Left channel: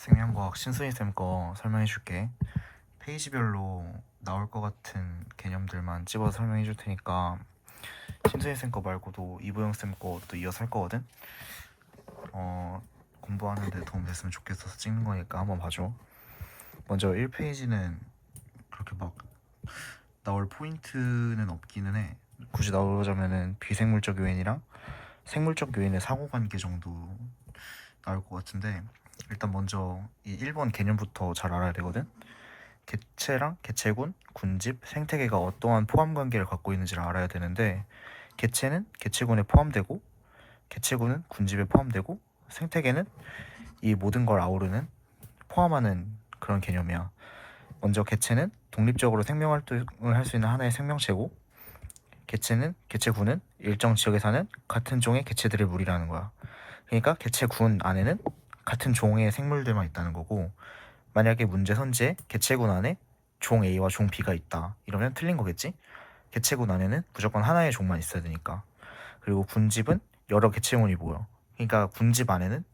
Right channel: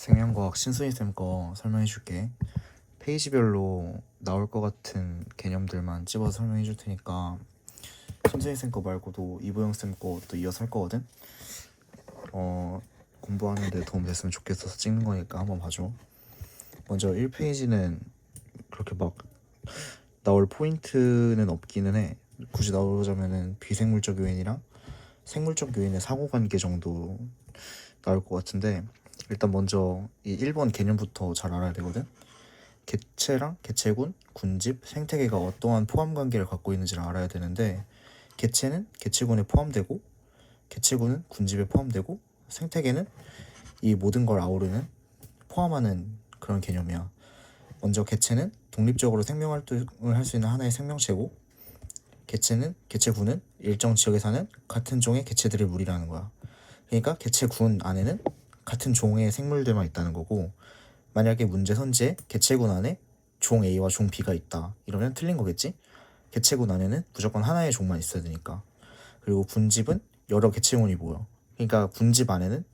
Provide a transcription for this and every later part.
생명과학 신순이 쌤 거 설명해 줄게. 페이지별로 나올 것 같은 개념들만 집어서 설명해 줄 테니까 신순이 쌤 거 말고도 이보영 쌤 것도 이어서 할 거거든. 공부하는데 도움 됐으면 좋겠어서 찍는 거니까 한번 봐줘. 먼저 1페이지는 그렇게 막 나올 포인트는 없기는 해. 굳이 나오자면은 비생물적 요인이랑 생물적 요인의 상호관계 정도 나올 것 같은데, 일단 먼저 이 1번 개념부터 잘 알아야 되거든. 개체랑 개체군, 군집, 생태계가 어떠한 포함 관계를 갖고 있는지를 알아야 되는데, 개체는 개체군에 포함되고, 개체군은 군집에 포함되고, 생태계는 이 모든 걸 아우르는, 포함하는 그런 개념이야. 먼저 개체는 독립적으로 생명 활동을 할 수 있는 하나의 생명체고, 개체군은 일정 지역에 사는 같은 종의 개체들의 무리라는 거야. 그러니까 개체군 안에는 같은 종의 생물들만 있다는 거고, 만약에 문제 선지에 개체군 안에 종 A와 종 B가 있다 이러면 틀린 거겠지? 개체군 안에는 무조건 하나의 종만 있어야 되니까. 그리고 군집은 여러 개체군이 모여. 그러니까 군집 안에는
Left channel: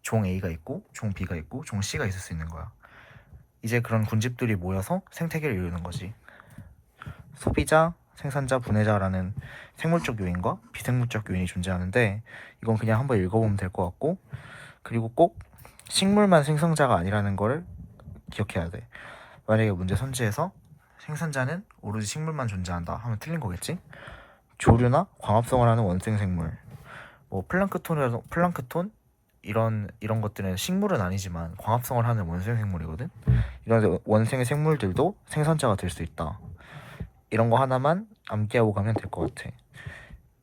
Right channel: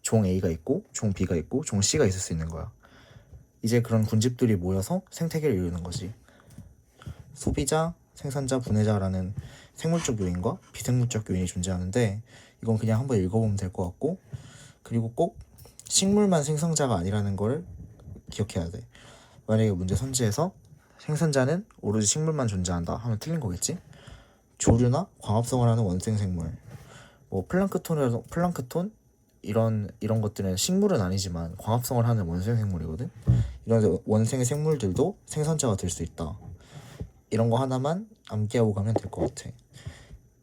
종 A가 있고 종 B가 있고 종 C가 있을 수 있는 거야. 이제 그런 군집들이 모여서 생태계를 이루는 거지. 소비자, 생산자, 분해자라는 생물적 요인과 비생물적 요인이 존재하는데, 이건 그냥 한번 읽어보면 될 것 같고, 그리고 꼭 식물만 생성자가 아니라는 걸 기억해야 돼. 만약에 문제 선지에서 생산자는 오로지 식물만 존재한다 하면 틀린 거겠지? 조류나 광합성을 하는 원생 생물, 뭐 플랑크톤 이런 것들은 식물은 아니지만 광합성을 하는 원생 생물이거든. 이런 원생 생물들도 생산자가 될 수 있다. 이런 거 하나만 암기하고 가면 될 것 같아.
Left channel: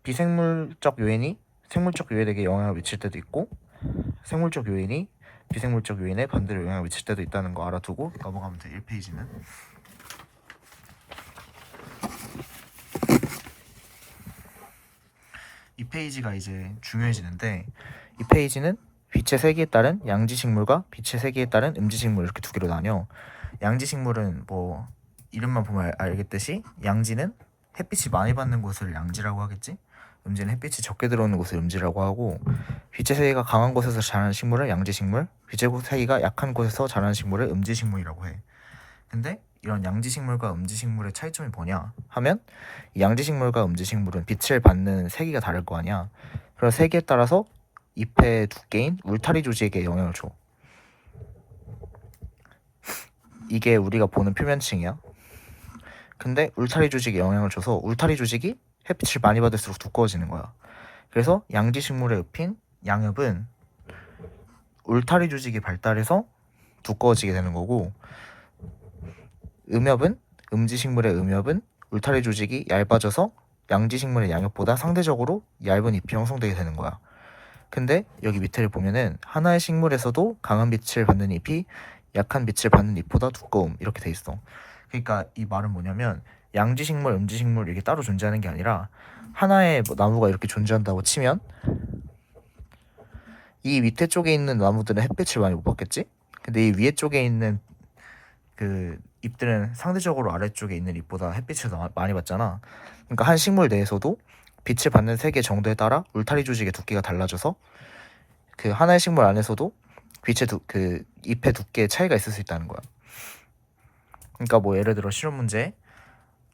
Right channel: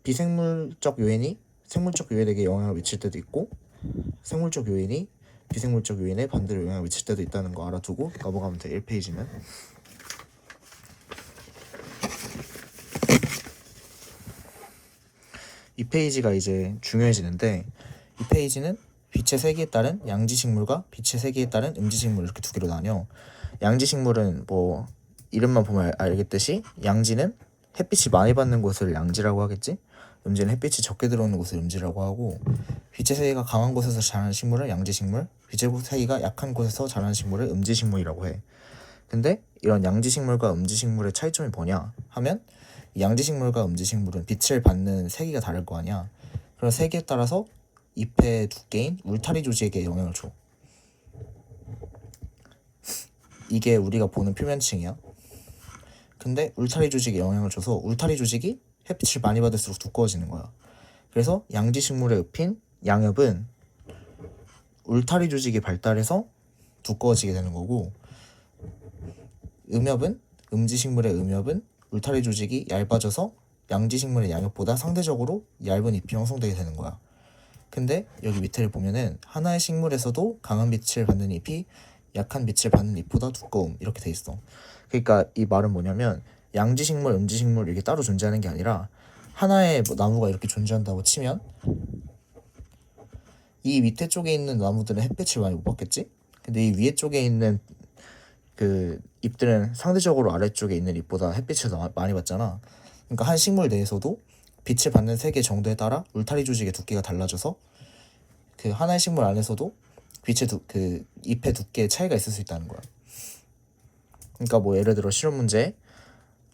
비생물적 요인이 생물적 요인에게 영향을 미칠 때도 있고, 생물적 요인이 비생물적 요인에 반대로 영향을 미칠 때도 있다는 거 알아두고 넘어가면 돼. 1페이지는. 이 페이지가 이제 중요해지는데, 이 페이지는 빛의 세기에 따른 양지식물과 빛의 세기에 따른 음지식물 이렇게 두 개로 나뉘어. 양지식물은 뭐 이름만 보면 알겠듯이 양지는 햇빛이 많이 받는 곳을 양지라고 하겠지. 음지는 햇빛이 적게 들어오는 곳을 음지라고 하고, 빛의 세기가 강한 곳에서 자라는 식물을 양지식물, 빛의 세기가 약한 곳에서 자라는 식물을 음지식물이라고 해. 근데 이런 양지식물과 음지식물의 차이점이 뭐냐 하면, 이 양지식물과 음지식물은 빛을 받는 세기가 다를 거 아니야. 그런 세기에 따라서 잎의 두께인 울타리 조직에 영향을 줘. 이게 우리가 보는 표면층이야. 근데 울타리 조직에 영향을 줘서 울타리 조직이 햇빛을 많이 받을수록 두꺼워지는 거야. 그래서 양지식물의 잎인 양엽은 울타리 조직이 발달해서 두꺼워지게 되는 거고, 음지식물의 음엽은 울타리 조직이 얇아져서 양지식물의 양엽보다 상대적으로 얇은 잎이 형성되게 되는 거야. 근데 여기 밑에를 보면은 하나의 식물에서도 강한 빛을 받는 잎이 약한 빛을 받는 잎보다 두꺼움 이렇게 돼 있어. 그러니까 이 말은 뭐냐면, 양지식물, 음지식물 이게 따로 존재하는 게 아니라 하나의 나무가 이렇게 존재한다고 치면, 이 밑에 쪽에 있는 나무들은 햇빛을 많이 못 받겠지? 근데 이 위에 쪽에 있는 그 잎들은 상대적으로 아래쪽에 있는 잎보다 햇빛을 더 많이 받잖아. 그러니까 한 식물 내에서도 빛을 받는 세계 정도에 따라 울타리 조직의 두께가 달라져서 그 하나의 식물 안에서도 그 잎의 두께의 차이가 있을 수 있다는 거야. 그러니까 뭐 예를 들어 실험 문제,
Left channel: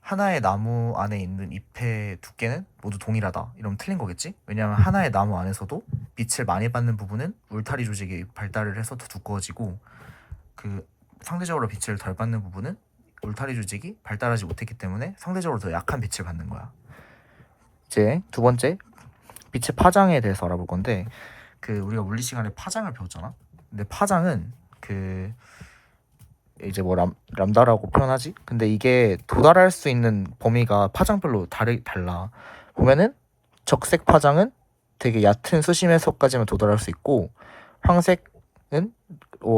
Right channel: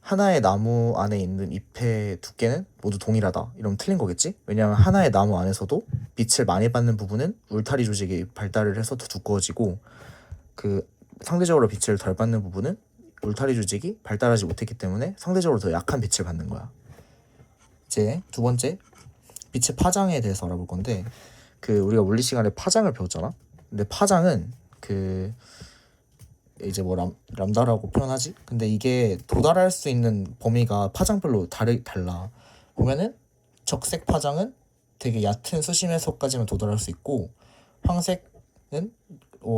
하나의 나무 안에 있는 잎의 두께는 모두 동일하다 이러면 틀린 거겠지? 왜냐하면 하나의 나무 안에서도 빛을 많이 받는 부분은 울타리 조직이 발달을 해서 더 두꺼워지고, 그 상대적으로 빛을 덜 받는 부분은 울타리 조직이 발달하지 못했기 때문에 상대적으로 더 약한 빛을 받는 거야. 이제 두 번째, 빛의 파장에 대해서 알아볼 건데, 그 우리가 물리 시간에 파장을 배웠잖아. 근데 파장은 그 이제 뭐 람다라고 표현하지? 근데 이게 도달할 수 있는 범위가 파장별로 달라. 보면은 적색 파장은 되게 얕은 수심에서까지만 도달할 수 있고, 황색은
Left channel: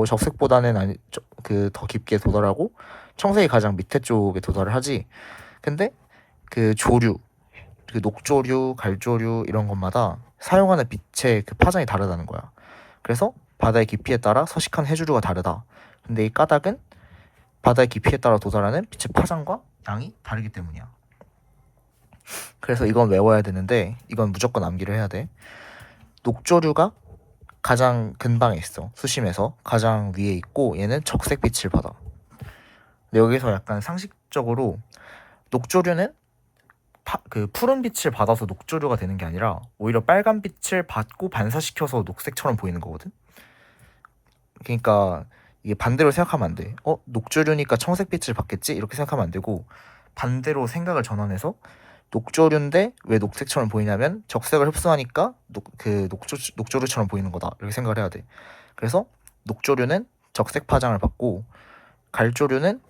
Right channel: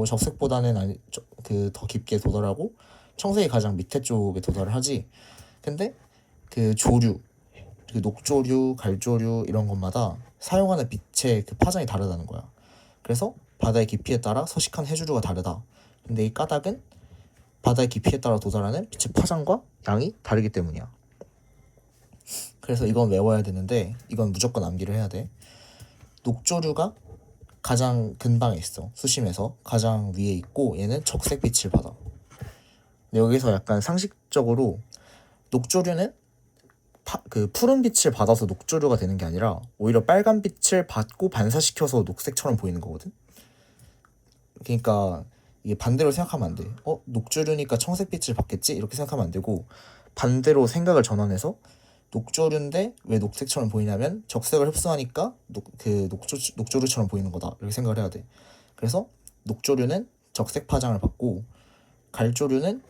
적색보다는 그 더 깊게 도달하고, 청색이 가장 밑에 쪽에 도달을 하지. 근데 그 조류, 그 녹조류, 갈조류 이런 것마다 사용하는 빛의 그 파장이 다르다는 거야. 그래서 바다의 깊이에 따라 서식한 해조류가 다르다. 근데 이 까닭은 바다의 깊이에 따라 도달하는 빛의 파장과 양이 다르기 때문이야. 그래서 이건 외워야 되는데, 이건 무조건 암기를 해야 돼. 녹조류가 가장 근방에 있어. 수심에서 가장 위에 있고 얘는 적색 빛을 받아. 근데 여기서 약간 상식적으로 녹조류는 그 푸른 빛을 받아서 녹조류가 되는 게 아니라 오히려 빨간 빛을 받고 반사시켜서 녹색처럼 보이는 거거든. 그러니까 이게 반대로 생각하면 안 돼. 녹조류니까 청색 빛을 받겠지? 이렇게 생각하면 안 되고 반대로 생각을 전환해서 녹조류인데 왜 녹색처럼 보이냐면 적색을 흡수하니까 녹조류처럼 보이는 거다. 이렇게 생각을 해야 돼. 그래서 녹조류는 적색 파장을 받고 갈조류는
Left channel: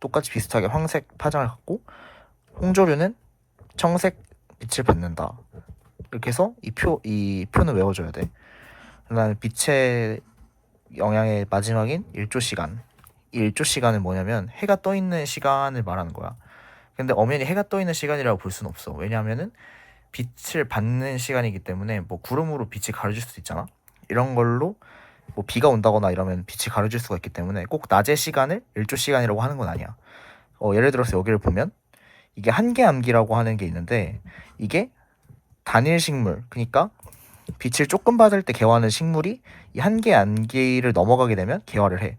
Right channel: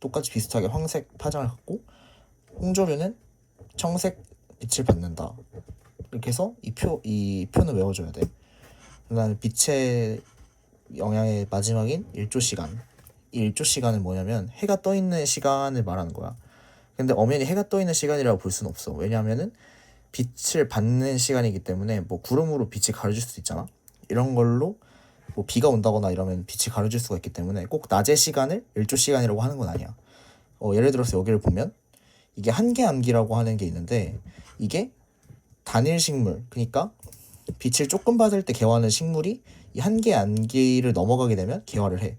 똑같이 비슷하게 황색 파장을 갖고 홍조류는 청색 빛을 받는다. 이렇게 해서 이 표는 외워줘야 돼. 그다음에 빛의 영향의 마지막인 일조 시간. 이 일조 시간은 뭐냐면 해가 떠 있는 시간을 말하는 거야. 근데 엄연히 해가 떠 있는 시간이라고 볼 수는 없어. 왜냐하면은 빛을 받는 시간이기 때문에 뭐 구름으로 빛이 가려질 수도 있잖아. 이런 걸로 뭐 비가 온다거나 이러면 빛이 가려질 수가 있기 때문에 꼭 낮의 시간을 일조 시간이라고 하는 건 아니야. 예를 들어서 여기를 보면 이게 한계암기라고 하는 게 있는데 이게 단일 식물, 그러니까 빛을 조금 받을 때 개화하는 식물이 이 한계암기를 넘어가게 되면 개화를 해.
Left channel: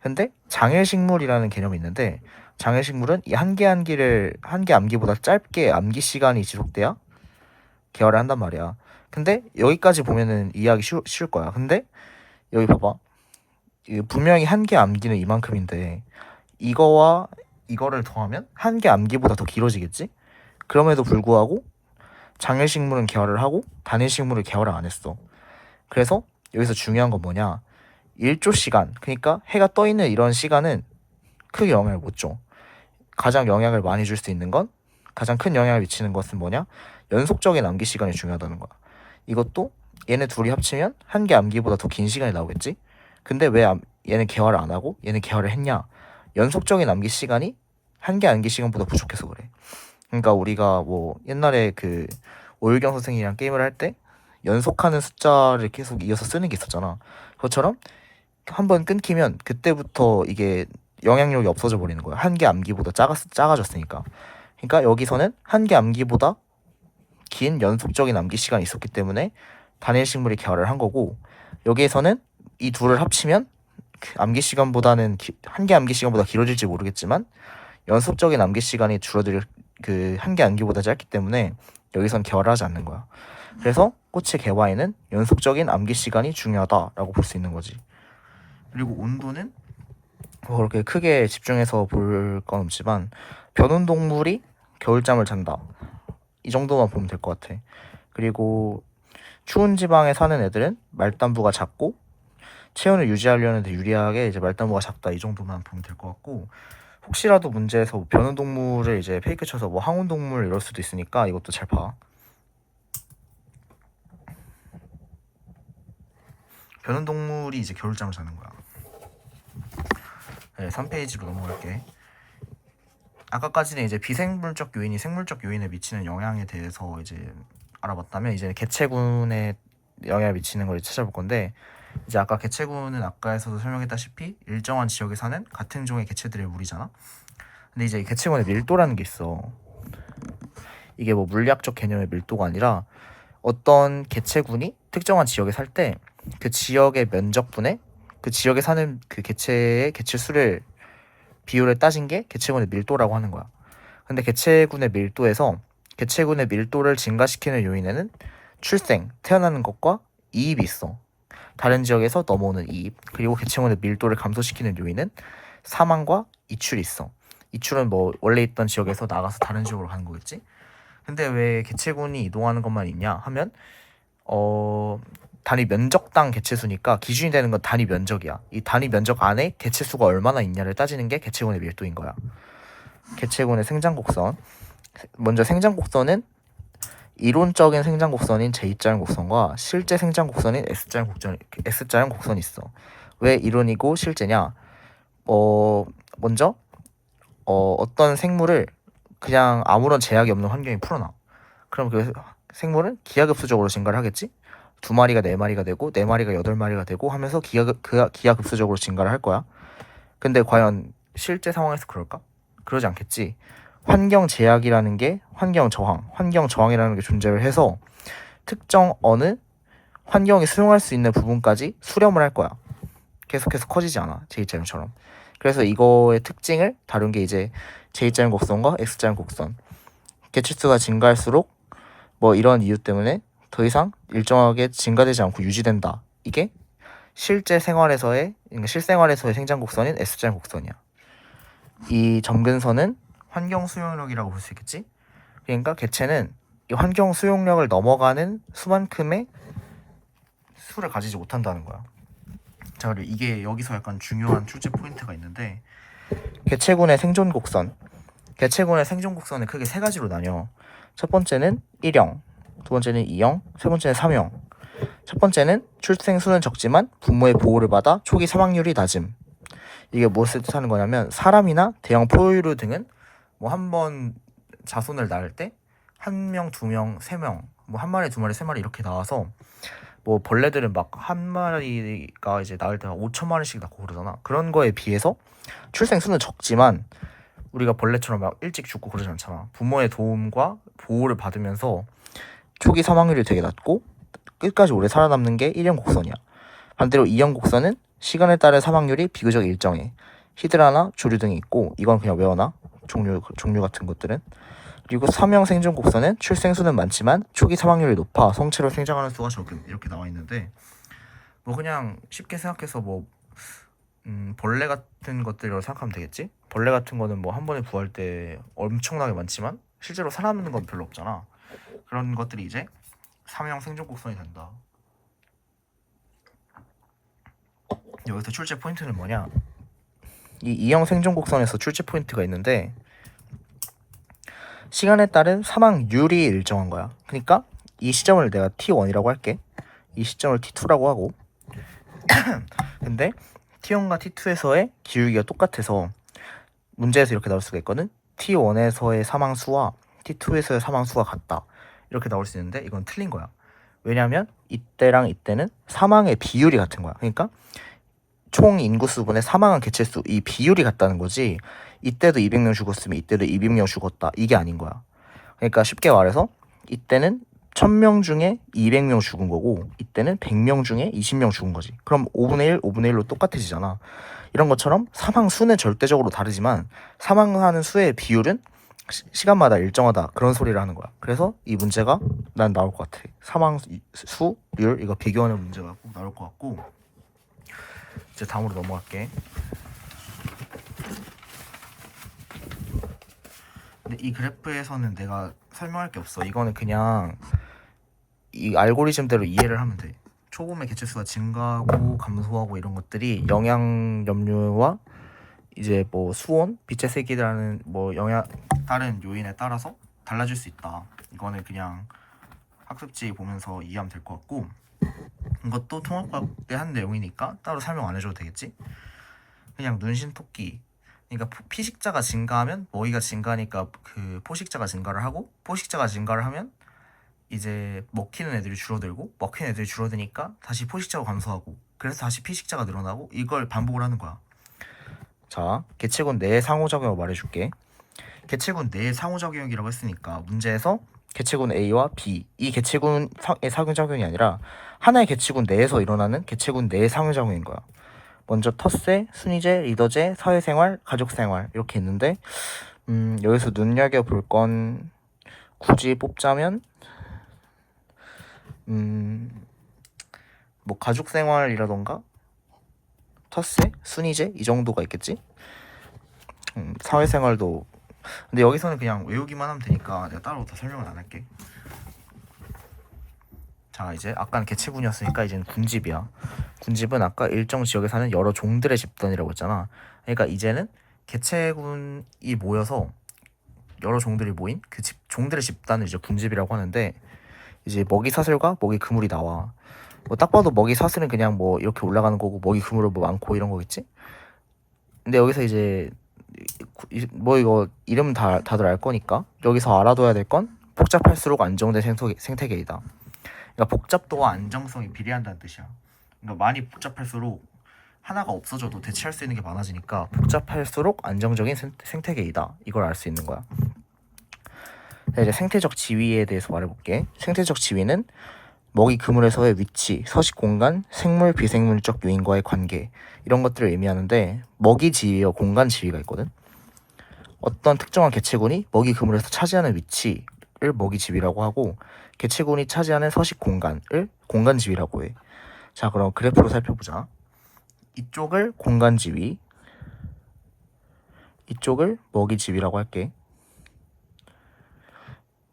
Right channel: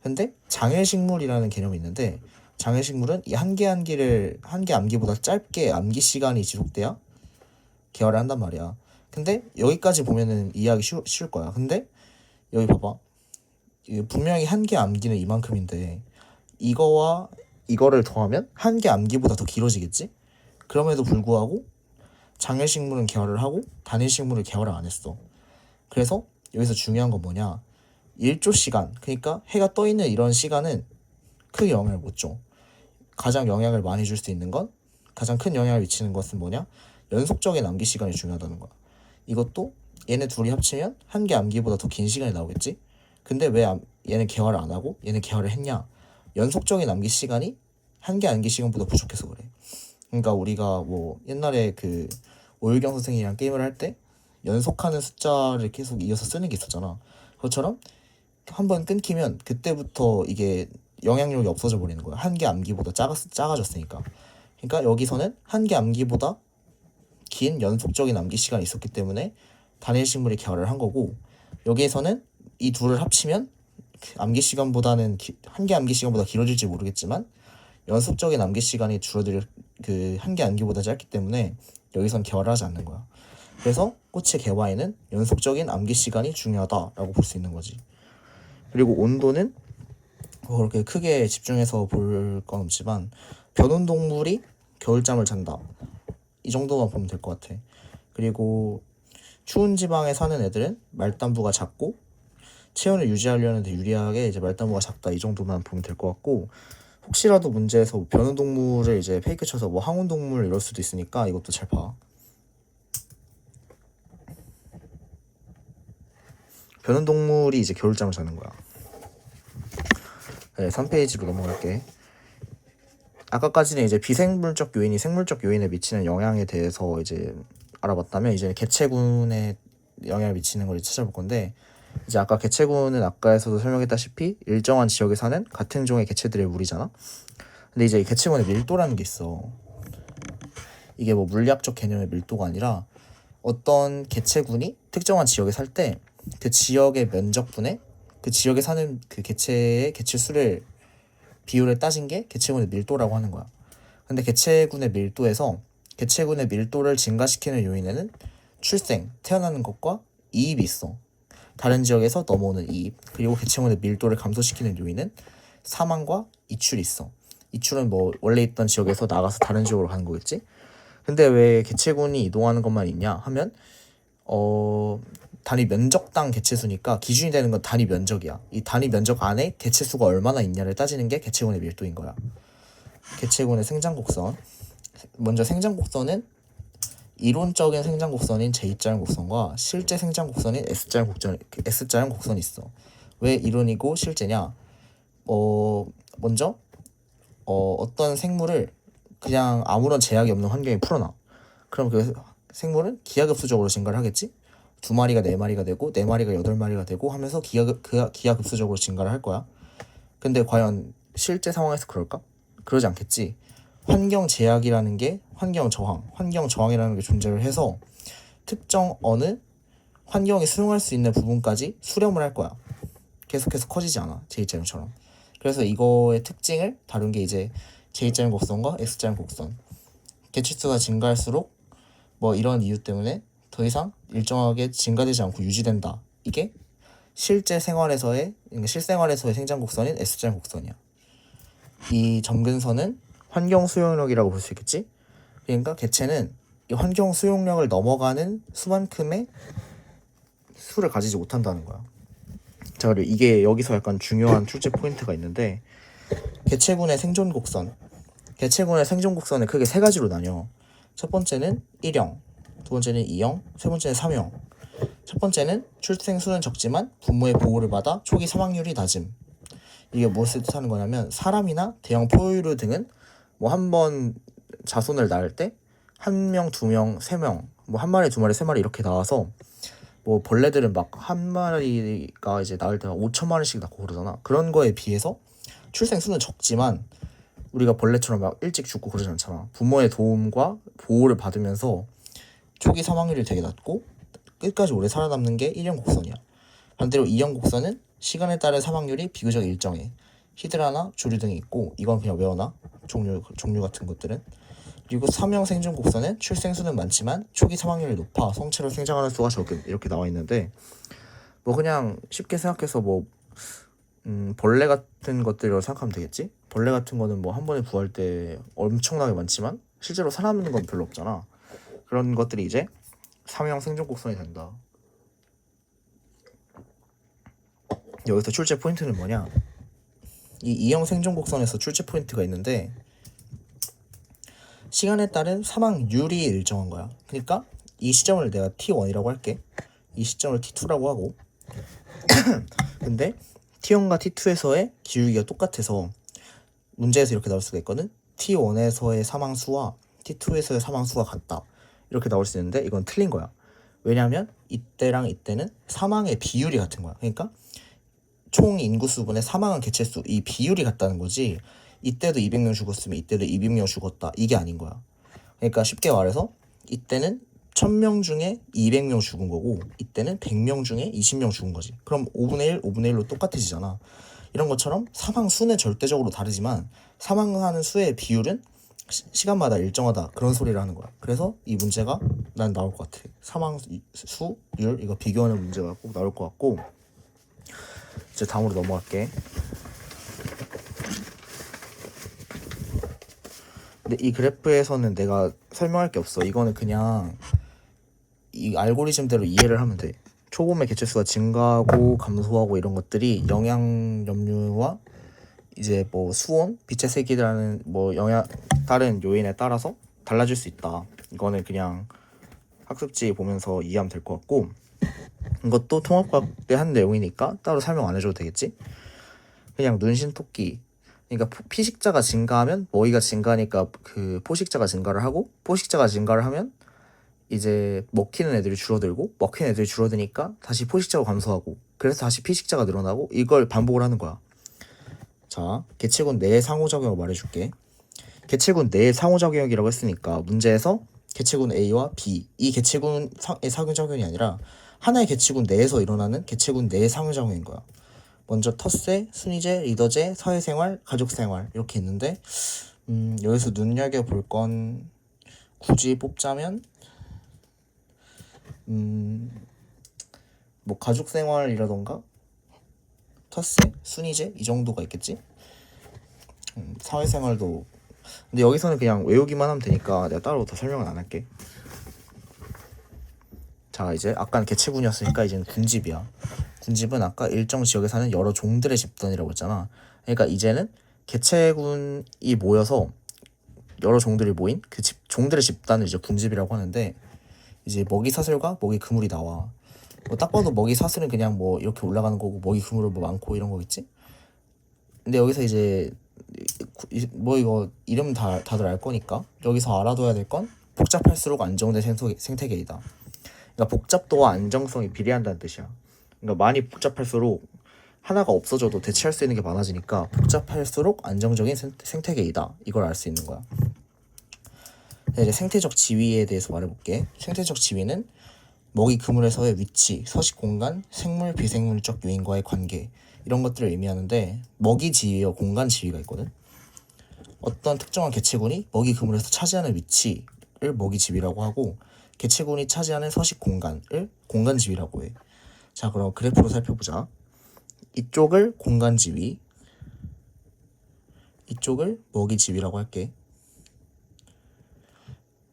근데 장일식물이라는 개념이 있는데 장일식물은 이 한계암기보다 짧게 암기 시간이 지속돼야 개화를 한단 말이야. 근데 여기까지 보면은 이해하기 쉬울 거야. 근데 여기 봐봐. 분명히 한계암기는 이만큼인데 이거와 이거를 더하면 한계암기보다 더 길어지겠지? 그럼에도 불구하고 장일식물은 개화를 하고 단일식물은 개화를 안 했어. 그래서 여기서 중요한 건 뭐냐? 일조 시간, 그러니까 해가 떠 있는 이런 시간은 크게 영향을 못 줘. 가장 영향을 많이 줄 수 있는 건, 가장 큰 영향을 미치는 것은 뭐냐? 연속적인 암기 시간이 중요하다는 거야. 이것도 얘네 둘이 합치면 한계 암기보다 더 긴 시간이 나오겠지? 근데 왜 얘는 개화를 안 하고 얘는 개화를 했냐? 연속적인 암기 시간이 한계 암기 시간보다 부족해서 그래. 그러니까 우리가 뭐 옛날에 그 오일경 선생이랑 게임을 할 때 연속하는 숫자를 계속 이어서 쓰는 게 있었잖아. 그것처럼 한번 끊기면 그때부터 이게 영향력이 없어져 버리는 거야. 한계 암기보다 작아졌으니까. 그러니까 여기서는 한계 암기보다 긴 연속적인 암기 시간이 있었기 때문에 단일 식물이 개화를 한 거고, 여기에서는 이 둘을 합치면 암기 시간보다는 한계 암기 시간보다 길어질지 모르겠지만 연속적인 암기 시간이 줄어들 그 한계 암기보다 짧기 때문에 여기선 개화를 하지 않는 거야. 그래서 꽃의 개화에는 연속적인 암기 시간이 중요하다라고 볼 수 있는 거지. 그리고 온도는 뭐 그렇게 크게 집중해서 볼 건 없지만 변온동물이 겨울잠을 잔다. 이 정도만 보면 될 것 같아. 그리고 추운 지방에 사는 애들은 말단부가 작고 체온을 유지하려는 데 유리하게 이제 말단부가 작다. 이 정도만 보면 될 것 같고, 혹시라도 문제에서 변온동물을 이제 페이크 쳐서 뭐 항온동물 이럴 수도 있으니까 이것도 잘 봐. 변온동물이 이제 겨울잠을 자는 거야. 네, 3페이지로 넘어갈게. 아까까지는 이제 비생물적 요인이 생물적 요인에 미치는 영향에 대해서 이제 알아봤다면, 이제 개체군에 영향을 미치는 걸 찾아볼 건데, 이제 아까 개체군은 아까에서도 설명했다시피 일정한 지역에 사는 같은 종의 개체들의 무리잖아. 근데 이제 개체군의 밀도라는 게 있어. 이게 뭐 물리학적 개념의 밀도가 아니라 어떤 개체군이 특정한 지역에 살 때 그 지역의 면적분에 그 지역에 사는 그 개체의 개체수를 비율을 따진 게 개체군의 밀도라고 하는 거야. 근데 개체군의 밀도에서 개체군의 밀도를 증가시키는 요인에는 출생, 태어나는 것과 이입이 있어. 다른 지역에서 넘어오는 이입, 그리고 개체군의 밀도를 감소시키는 요인은 사망과 이출이 있어. 이출은 뭐 원래 있던 지역에서 나가서 다른 지역으로 가는 거겠지. 근데 왜 개체군이 이동하는 것만 있냐 하면 단위 면적당 개체수니까 기준이 되는 건 단위 면적이야. 이 단위 면적 안에 개체수가 얼마나 있냐를 따지는 게 개체군의 밀도인 거야. 개체군의 생장곡선. 먼저 생장곡선은 이론적인 생장곡선인 J자형 곡선과 실제 생장곡선인 S자형 곡선이 있어. 왜 이론이고 실제냐? 먼저 어떤 생물을 그냥 아무런 제약이 없는 환경에 풀어놔. 그럼 그 생물은 기하급수적으로 증가를 하겠지? 2마리가 4마리가 되고 4마리가 8마리가 되고 하면서 기하급수적으로 증가를 할 거야. 근데 과연 실제 상황에서 그럴까? 그러지 않겠지. 환경 제약이라는 게 환경 저항이라는 게 존재를 해서 특정 어느 환경이 수용할 수 있는 부분까지 수렴을 할 거야. 계속해서 커지지 않아, J자형처럼. 그래서 이거의 특징을 다룬 게 이제 J자형 곡선과 X자형 곡선. 개체수가 증가할수록 뭐 이런 이유 때문에 더 이상 일정하게 증가되지 않고 유지된다. 이게 실제 생활에서의, 그러니까 실생활에서의 생장 곡선인 S자형 곡선이야. 이 점근선은 환경 수용력이라고 볼 수 있겠지? 그러니까 개체는 이 환경 수용력을 넘어가는 수만큼의 수를 가지지 못한다는 거야. 자, 그리고 이게 여기서 약간 중요한 출제 포인트가 있는데, 개체군의 생존 곡선. 개체군의 생존 곡선은 크게 세 가지로 나뉘어. 첫 번째는 1형, 두 번째는 2형, 세 번째는 3형. 첫 번째는 출생수는 적지만 부모의 보호를 받아 초기 사망률이 낮음. 이게 무엇을 뜻하는 거냐면, 사람이나 대형 포유류 등은 뭐 한 번 자손을 낳을 때 한 명, 두 명, 세 명, 뭐 한 마리, 두 마리, 세 마리 이렇게 나와서, 뭐 벌레들은 막 한 마리가 이제 낳을 때 5천 마리씩 낳고 그러잖아. 그런 거에 비해서 출생 수는 적지만 우리가 벌레처럼 막 일찍 죽고 그러지 않잖아. 부모의 도움과 보호를 받으면서 초기 사망률이 되게 낮고 끝까지 오래 살아남는 게 1형 곡선이야. 반대로 2형 곡선은 시간에 따른 사망률이 비교적 일정해. 히드라나 조류 등이 있고, 이건 그냥 외워놔. 종류 같은 것들은. 그리고 3형 생존 곡선은 출생수는 많지만 초기 사망률이 높아 성체로 생장하는 수가 적음. 이렇게 나와 있는데, 뭐 그냥 쉽게 생각해서 뭐 벌레 같은 것들이라고 생각하면 되겠지? 벌레 같은 거는 뭐 한 번에 구할 때 엄청나게 많지만 실제로 살아남는 건 별로 없잖아. 그런 것들이 이제 3형 생존 곡선이 된다. 여기서 출제 포인트는 뭐냐? 이 2형 생존 곡선에서 출제 포인트가 있는데, 시간에 따른 사망률이 일정한 거야. 그러니까 이 시점을 내가 T1이라고 할게. 이 시점을 T2라고 하고 근데 T1과 T2에서의 기울기가 똑같아서 문제에서 이렇게 나올 수가 있거든. T1에서의 사망수와 T2에서의 사망수가 같다. 이렇게 나올 수 있는데 이건 틀린 거야. 왜냐면 이때랑 이때는 사망의 비율이 같은 거야. 그러니까 총 인구수분의 사망한 개체수, 이 비율이 같다는 거지, 이때도 200명 죽었으면 이때도 200명 죽었다, 이게 아닌 거야. 그러니까 쉽게 말해서 이때는 1000명 중에 200명 죽은 거고, 이때는 100명 중에 20명 죽은 거지. 그럼 5분의 1, 5분의 1로 똑같아지잖아. 이런 것처럼 사망 수는 절대적으로 다르지만 사망하는 수의 비율은 시간마다 일정하다, 그런 소리를 하는 거야. 그래서 이 문제가 난 나올 것 같아. 사망 수율 이거 비교하는 문제가 꼭 나올 것 같고. 이제 다음으로 넘어갈게. 근데 이 그래프에서는 내가 설명할 게 없어. 이거는 그냥 이 알고리즘대로 이해를 하면 돼. 초봄의 개체수가 증가하고 감소하고 이런 것들이 영양 염류와 이제 뭐 수온, 빛의 세기라는 뭐 다른 요인에 따라서 달라질 수 있다. 이거는 그냥 학습지 보면서 이해하면 될 것 같고, 이것도 통합과학의 한 내용이니까 따로 설명 안 해줘도 되겠지? 그냥 눈신토끼, 그러니까 피식자가 증가하면 먹이가 증가하니까 그 포식자가 증가를 하고, 포식자가 증가를 하면 이제 먹히는 애들이 줄어들고, 먹히는 애들이 줄어드니까 다시 포식자가 감소하고, 그래서 다시 피식자가 늘어나고, 이걸 반복을 하는 거야. 자, 개체군 내의 상호작용을 말해줄게. 개체군 내의 상호작용이라고 했으니까 문제에서 개체군 A와 B, 이 개체군의 상호작용이 아니라 하나의 개체군 내에서 일어나는 개체군 내의 상호작용인 거야. 먼저 텃세, 순위제, 리더제, 사회생활, 가족생활 이렇게 있는데, 여기서 눈여겨볼 건 굳이 뽑자면 뭐 가족생활이라던가 텃세, 순위제 이 정도가 있겠지. 사회생활도, 근데 여기서는 그냥 외우기만 하면 되니까 내가 따로 더 설명은 안 할게. 자, 이제 아까는 개체군이었으니까 이제는 군집이야. 군집은 아까 일정 지역에 사는 여러 종들의 집단이라고 했잖아. 그러니까 이제는 개체군이 모여서 여러 종들이 모인 그 종들의 집단을 이제 군집이라고 하는데, 이제 먹이 사슬과 먹이 그물이 나와. 뭐 딱 봐도 먹이 사슬은 그냥 뭐 이렇게 올라가는 거고, 먹이 그물은 뭐 많고 이런 거겠지. 근데 여기서 이제 뭐 이거 이름 다들 알 거니까 여기서 알아둬야 될 건 복잡할수록 안정된 생태계이다. 그러니까 복잡도와 안정성이 비례한다는 뜻이야. 그러니까 많이 복잡할수록 하나가 없어져도 대체할 수 있는 게 많아지니까 복잡할수록 안정적인 생태계이다. 이걸 알 수 있는 거야. 이제 생태적 지위에 대해서 말해볼게. 생태적 지위는 먹이 그물에서의 위치, 서식 공간, 생물 비생물적 요인과의 관계 이런 것들을 의미하는데 먹이 지위와 공간 지위가 있거든. 어떤 특정한 개체군이 먹이 그물에서 차지하는 위치를 먹이 지위라고 하고 개체군이 차지하는 서식 공간을 공간 지위라고 해. 자, 그럼 그래프로 살펴보자. 이쪽을 공간 지위, 이쪽을 먹이 지위라고 할게.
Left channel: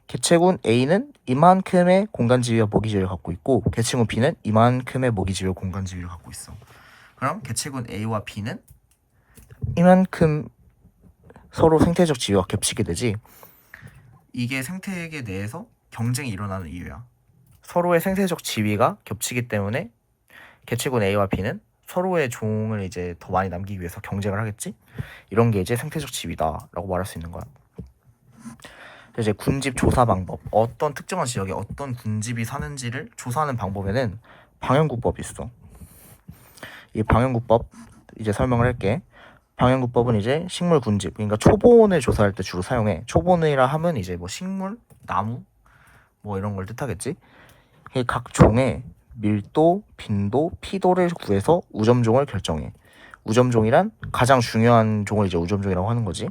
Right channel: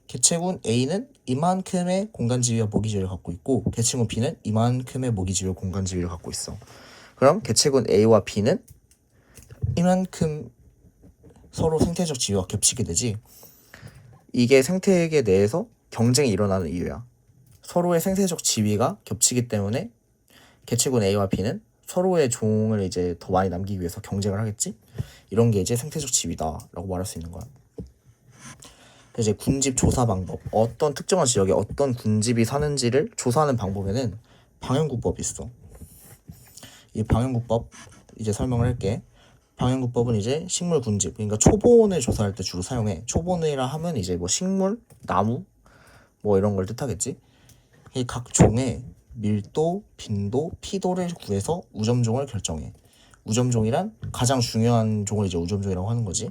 개체군 A는 이만큼의 공간 지위와 먹이 지위를 갖고 있고 개체군 B는 이만큼의 먹이 지위와 공간 지위를 갖고 있어. 그럼 개체군 A와 B는 이만큼 서로 생태적 지위가 겹치게 되지. 이게 생태계 내에서 경쟁이 일어나는 이유야. 서로의 생태적 지위가 겹치기 때문에 개체군 A와 B는 서로의 종을 이제 더 많이 남기기 위해서 경쟁을 하겠지. 이런 게 이제 생태적 지위다라고 말할 수 있는 거야. 이제 군집 조사 방법, 어떤 특정한 지역에 어떤 군집이 사는지를 조사하는 방법에는 방향구법이 있어. 이 방향구법 이제 설명을 할게. 방향구법은 이제 식물 군집, 그러니까 초본을 조사할 때 주로 사용해. 초본이라 하면 이제 뭐 식물, 나무 뭐 이런 걸 뜻하겠지. 각 종의 밀도, 빈도, 피도를 구해서 우점종을 결정해. 우점종이란 가장 중요한 종을 이제 우점종이라고 하는 거지.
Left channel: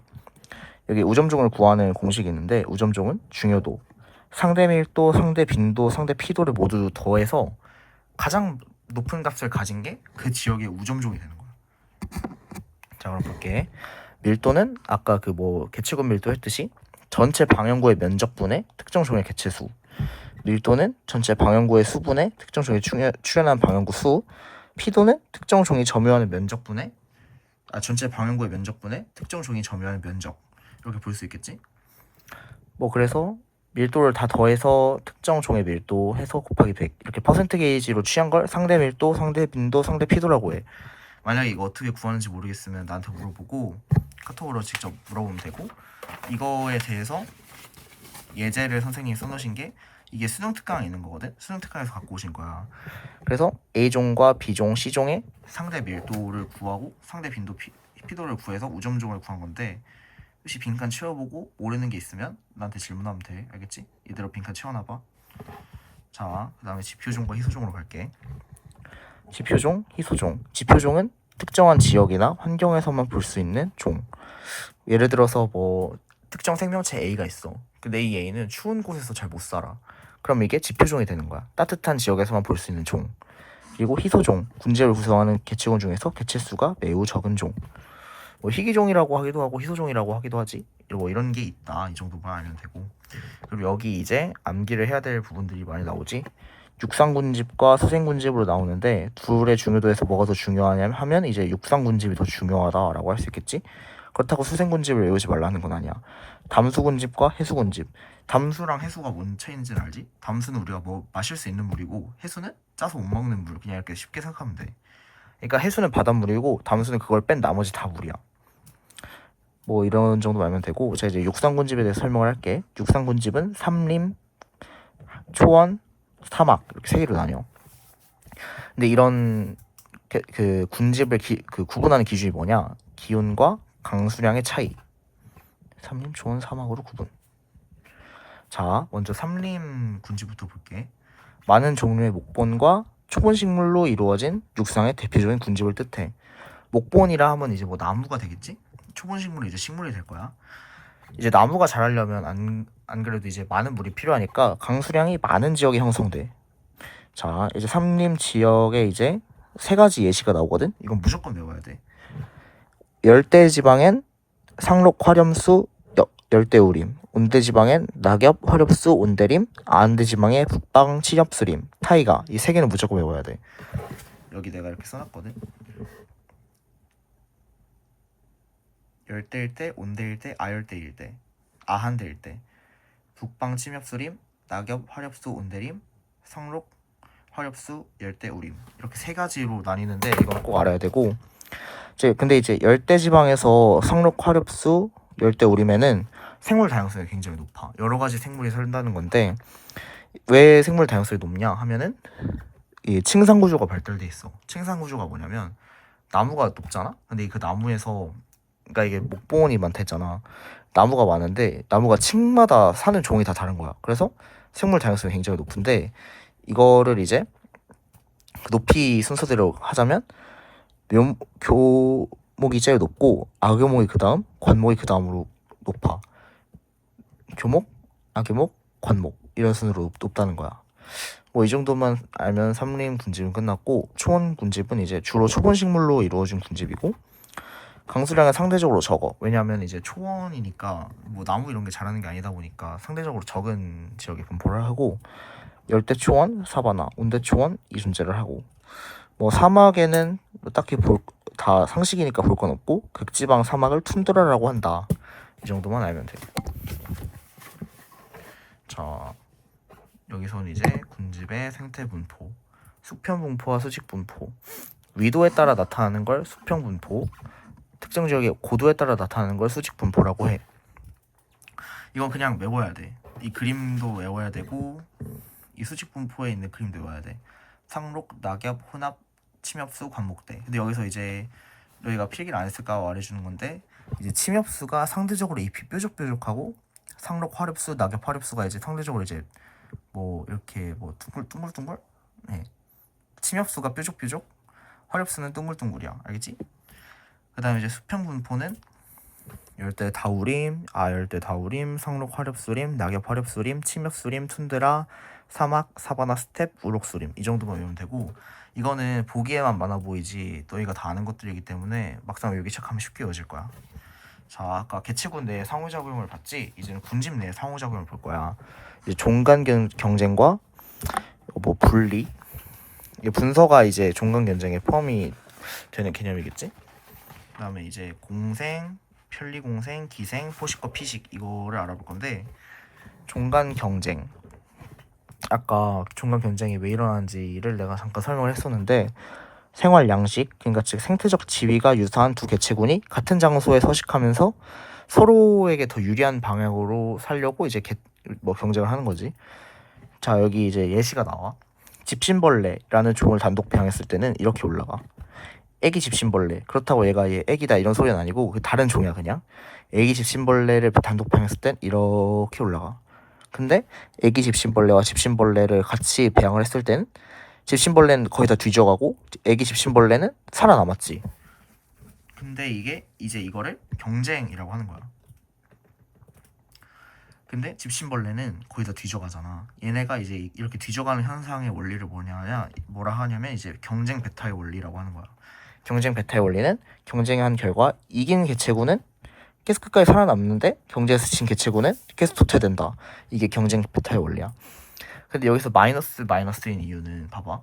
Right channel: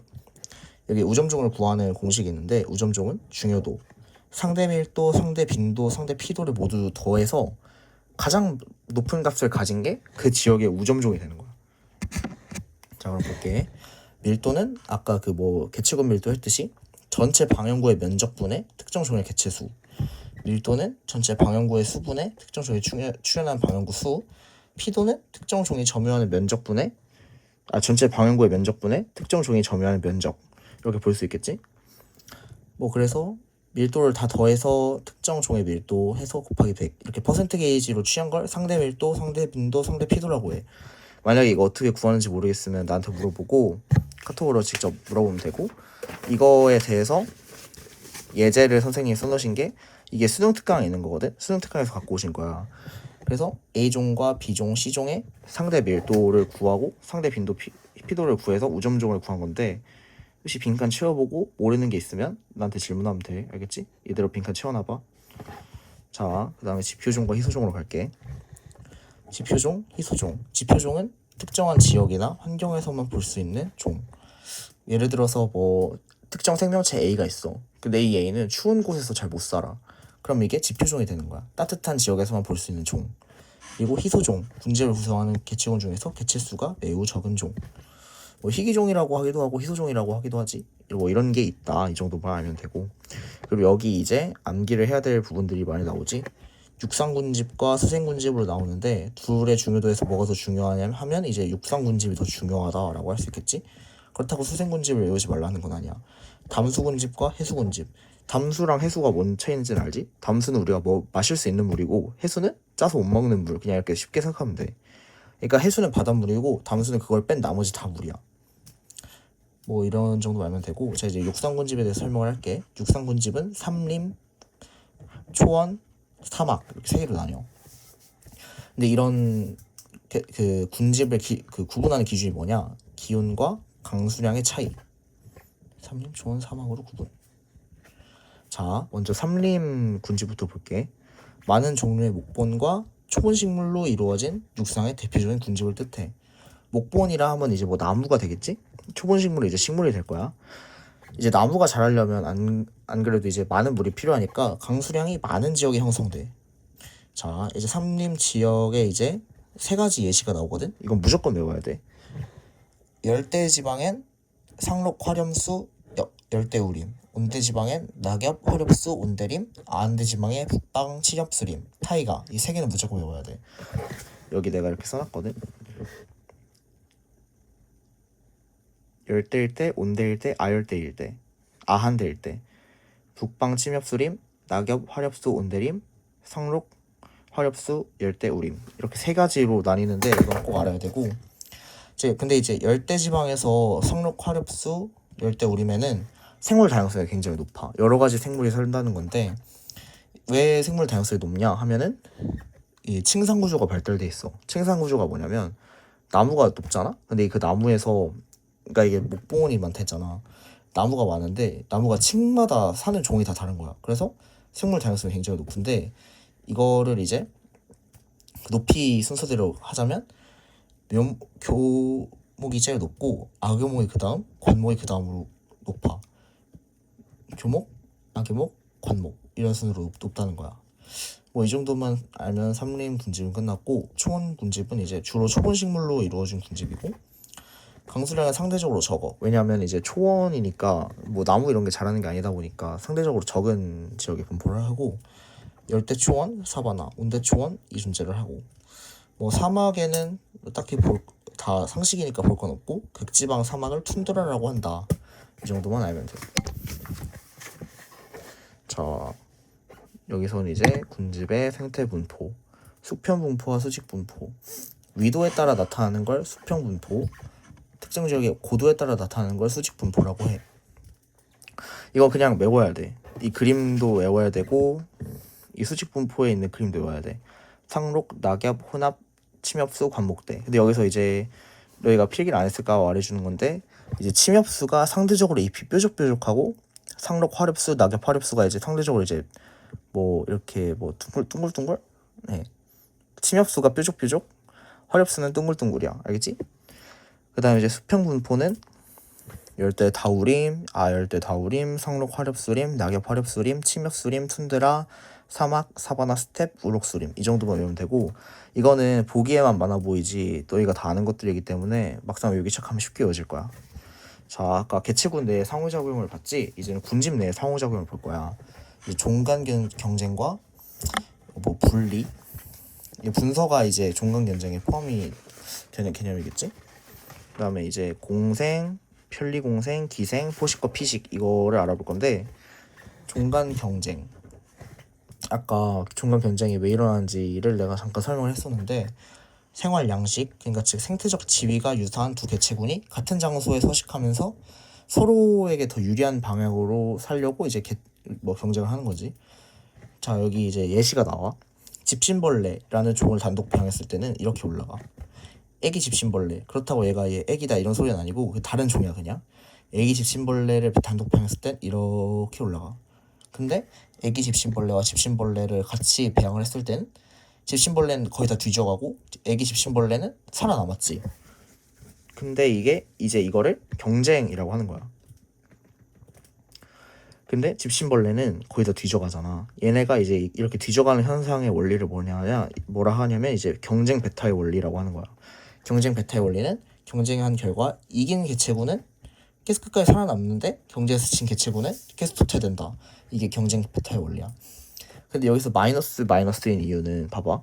여기 우점종을 구하는 공식이 있는데 우점종은 중요도, 상대 밀도, 상대 빈도, 상대 피도를 모두 더해서 가장 높은 값을 가진 게 그 지역의 우점종이 되는 거야. 자, 그럼 볼게. 밀도는 아까 그 뭐 개체군 밀도 했듯이 전체 방향구의 면적분의 특정 종의 개체수. 밀도는 전체 방향구의 수분의 특정 종이 출현한 방향구 수. 피도는 특정 종이 점유하는 면적분의 전체 방향구의 면적분의 특정 종이 점유하는 면적. 이렇게 볼 수 있겠지? 뭐 그래서 밀도를 다 더해서 특정 종의 밀도 해서 곱하기 100 이렇게 퍼센트 게이지로 취한 걸 상대 밀도, 상대 빈도, 상대 피도라고 해. 만약에 이거 어떻게 구하는지 모르겠으면 나한테 물어보고 카톡으로 직접 물어보면 되고, 이거에 대해서 예제를 선생님이 써놓으신 게 이게 수능 특강에 있는 거거든. 수능 특강에서 갖고 오신 거야. 그래서 A종과 B종, C종의 상대 밀도를 구하고 상대 빈도, 피도를 구해서 우점종을 구한 건데, 혹시 빈칸 채워보고 모르는 게 있으면 나한테 질문하면 돼. 알겠지? 이대로 빈칸 채워놔봐. 자, 그 다음에 지표종과 희소종으로 갈게. 지표종, 희소종. 지표종은 특정한 지역이나 환경에서만 볼 수 있는 종. 예를 들어서 뭐 특정 생명체 A가 있어. 근데 이 A는 추운 곳에서 잘 못 살아. 그럼 이게 지표종이 되는 거야. 따뜻한 지역에서만 볼 수 있는 종. 그리고 희소종, 군집을 구성하는 개체군 중에서 개체수가 매우 적은 종. 뭐 희귀종이라고 하기도 하고 희소종이라고 하기도 하지. 뭐 이런 게 있다. 이 정도만 알면 되고. 그리고 여기 이제 암기를 해야 될 부분들이 많이 나오지. 육상군집과 수생군집으로 나오는데 둘의 중요도에서 뭐가 더 중요하냐면 하면 이제 육상군집이 더 중요하다라고 할 수 있겠지. 그렇다고 수생군집을 외우지 말라는 건 아니야. 담수군집과 해수군집. 담수랑 해수가 뭔 차이인지는 알지? 담수는 우리가 뭐 마실 수 있는 물이고 해수는 짜서 못 먹는 물. 그냥 이렇게 쉽게 생각하면 돼. 그러니까 해수는 바닷물이고 담수는 그걸 뺀 나머지 다 물이야. 뭐 이런 정도 알면 되고, 자 이제 육상군집에 대해서 설명을 할게. 육상군집은 삼림, 초원, 사막 이렇게 세 개로 나뉘어. 근데 이런 그 군집을 그 구분하는 기준이 뭐냐? 기온과 강수량의 차이. 삼림, 초원, 사막으로 구분. 자, 먼저 삼림 군집부터 볼게. 많은 종류의 목본과 초본식물로 이루어진 육상의 대표적인 군집을 뜻해. 목본이라 하면 이제 뭐 나무가 되겠지? 초본식물은 이제 식물이 될 거야. 이제 나무가 자라려면 안 그래도 이제 많은 물이 필요하니까 강수량이 많은 지역이 형성돼. 자, 이제 삼림 지역에 이제 세 가지 예시가 나오거든. 이건 무조건 외워야 돼. 열대 지방엔 상록 화렴수 열대우림, 온대 지방엔 낙엽 화렵수 온대림, 안대 지방에 북방 치렵수림, 타이가. 이 세 개는 무조건 외워야 돼. 여기 내가 이렇게 써놨거든. 열대일대, 온대일대, 아열대일대, 아한대일대, 북방 침엽수림, 낙엽 화렵수 온대림, 상록 화렵수 열대우림. 이렇게 세 가지로 나뉘는데 이건 꼭 알아야 되고, 근데 이제 열대 지방에서 상록 화렵수 열대우림에는 생물 다양성이 굉장히 높아. 여러 가지 생물이 산다는 건데, 왜 생물 다양성이 높냐 하면은 이 층상 구조가 발달돼 있어. 층상 구조가 뭐냐면 나무가 높잖아. 근데 그 나무에서, 그러니까 이게 목본이 많다 했잖아. 나무가 많은데 나무가 층마다 사는 종이 다 다른 거야. 그래서 생물 다양성이 굉장히 높은데, 이거를 이제 그 높이 순서대로 하자면 교목이 제일 높고 아교목이 그 다음, 관목이 그 다음으로 높아. 교목, 아교목, 관목 이런 순으로 높다는 거야. 뭐 이 정도만 알면 삼림 군집은 끝났고, 초원 군집은 이제 주로 초본 식물로 이루어진 군집이고, 강수량은 상대적으로 적어. 왜냐하면 이제 초원이니까 뭐 나무 이런 게 자라는 게 아니다 보니까 상대적으로 적은 지역에 분포를 하고, 열대 초원, 사바나, 온대 초원 이 존재를 하고, 뭐 사막에는 딱히 다 상식이니까 볼 건 없고, 극지방 사막을 툰드라라고 한다. 이 정도만 알면 돼. 자, 여기서는 이제 군집의 생태 분포, 수평 분포와 수직 분포, 위도에 따라 나타나는 걸 수평 분포, 특정 지역의 고도에 따라 나타나는 걸 수직 분포라고 해. 이거 그냥 외워야 돼. 이 그림도 외워야 되고, 이 수직 분포에 있는 그림도 외워야 돼. 상록, 낙엽, 혼합, 침엽수, 관목대. 근데 여기서 이제 너희가 필기를 안 했을까 말해주는 건데, 이제 침엽수가 상대적으로 잎이 뾰족뾰족하고, 상록, 화렵수, 낙엽, 화렵수가 이제 상대적으로 이제 뭐 이렇게 뭐 둥글둥글? 네. 침엽수가 뾰족뾰족, 화렵수는 둥글둥글이야. 알겠지? 그 다음에 이제 수평 분포는 열대 다우림, 상록 화렵수림, 낙엽 화렵수림, 침엽수림, 툰드라, 사막, 사바나, 스텝, 우록수림 이 정도만 외우면 되고, 이거는 보기에만 많아 보이지 너희가 다 아는 것들이기 때문에 막상 외우기 시작하면 쉽게 외워질 거야. 자, 아까 개체군 내의 상호작용을 봤지? 이제는 군집 내의 상호작용을 볼 거야. 이제 종간 경쟁과 뭐 분리, 이게 분서가 이제 종간 경쟁에 포함이 되는 개념이겠지? 그 다음에 이제 공생, 편리공생, 기생, 포식과 피식 이거를 알아볼 건데, 종간 경쟁, 아까 종간 경쟁이 왜 일어나는지를 내가 잠깐 설명을 했었는데, 생활 양식, 그러니까 즉 생태적 지위가 유사한 두 개체군이 같은 장소에 서식하면서 서로에게 더 유리한 방향으로 살려고 이제 뭐 경쟁을 하는 거지. 자, 여기 이제 예시가 나와. 집신벌레라는 종을 단독 배양했을 때는 이렇게 올라가. 애기 집신벌레. 그렇다고 얘가 얘 애기다 이런 소리는 아니고 그 다른 종이야 그냥. 애기 집신벌레를 단독 배양했을 땐 이렇게 올라가. 근데 애기 집신벌레와 집신벌레를 같이 배양을 했을 땐 집신벌레는 거의 다 뒤져가고 애기 집신벌레는 살아남았지. 근데 이게 이제 이거를 경쟁이라고 하는 거야. 근데 집신벌레는 거의 다 뒤져가잖아. 얘네가 이제 이렇게 뒤져가는 현상의 원리를 뭐라 하냐면 이제 경쟁 베타의 원리라고 하는 거야. 경쟁 베타의 원리는 경쟁한 결과 이긴 개체군은 계속 끝까지 살아남는데 경쟁에서 진 개체군은 계속 도태된다. 이게 경쟁 베타의 원리야. 근데 여기서 마이너스인 이유는 봐봐.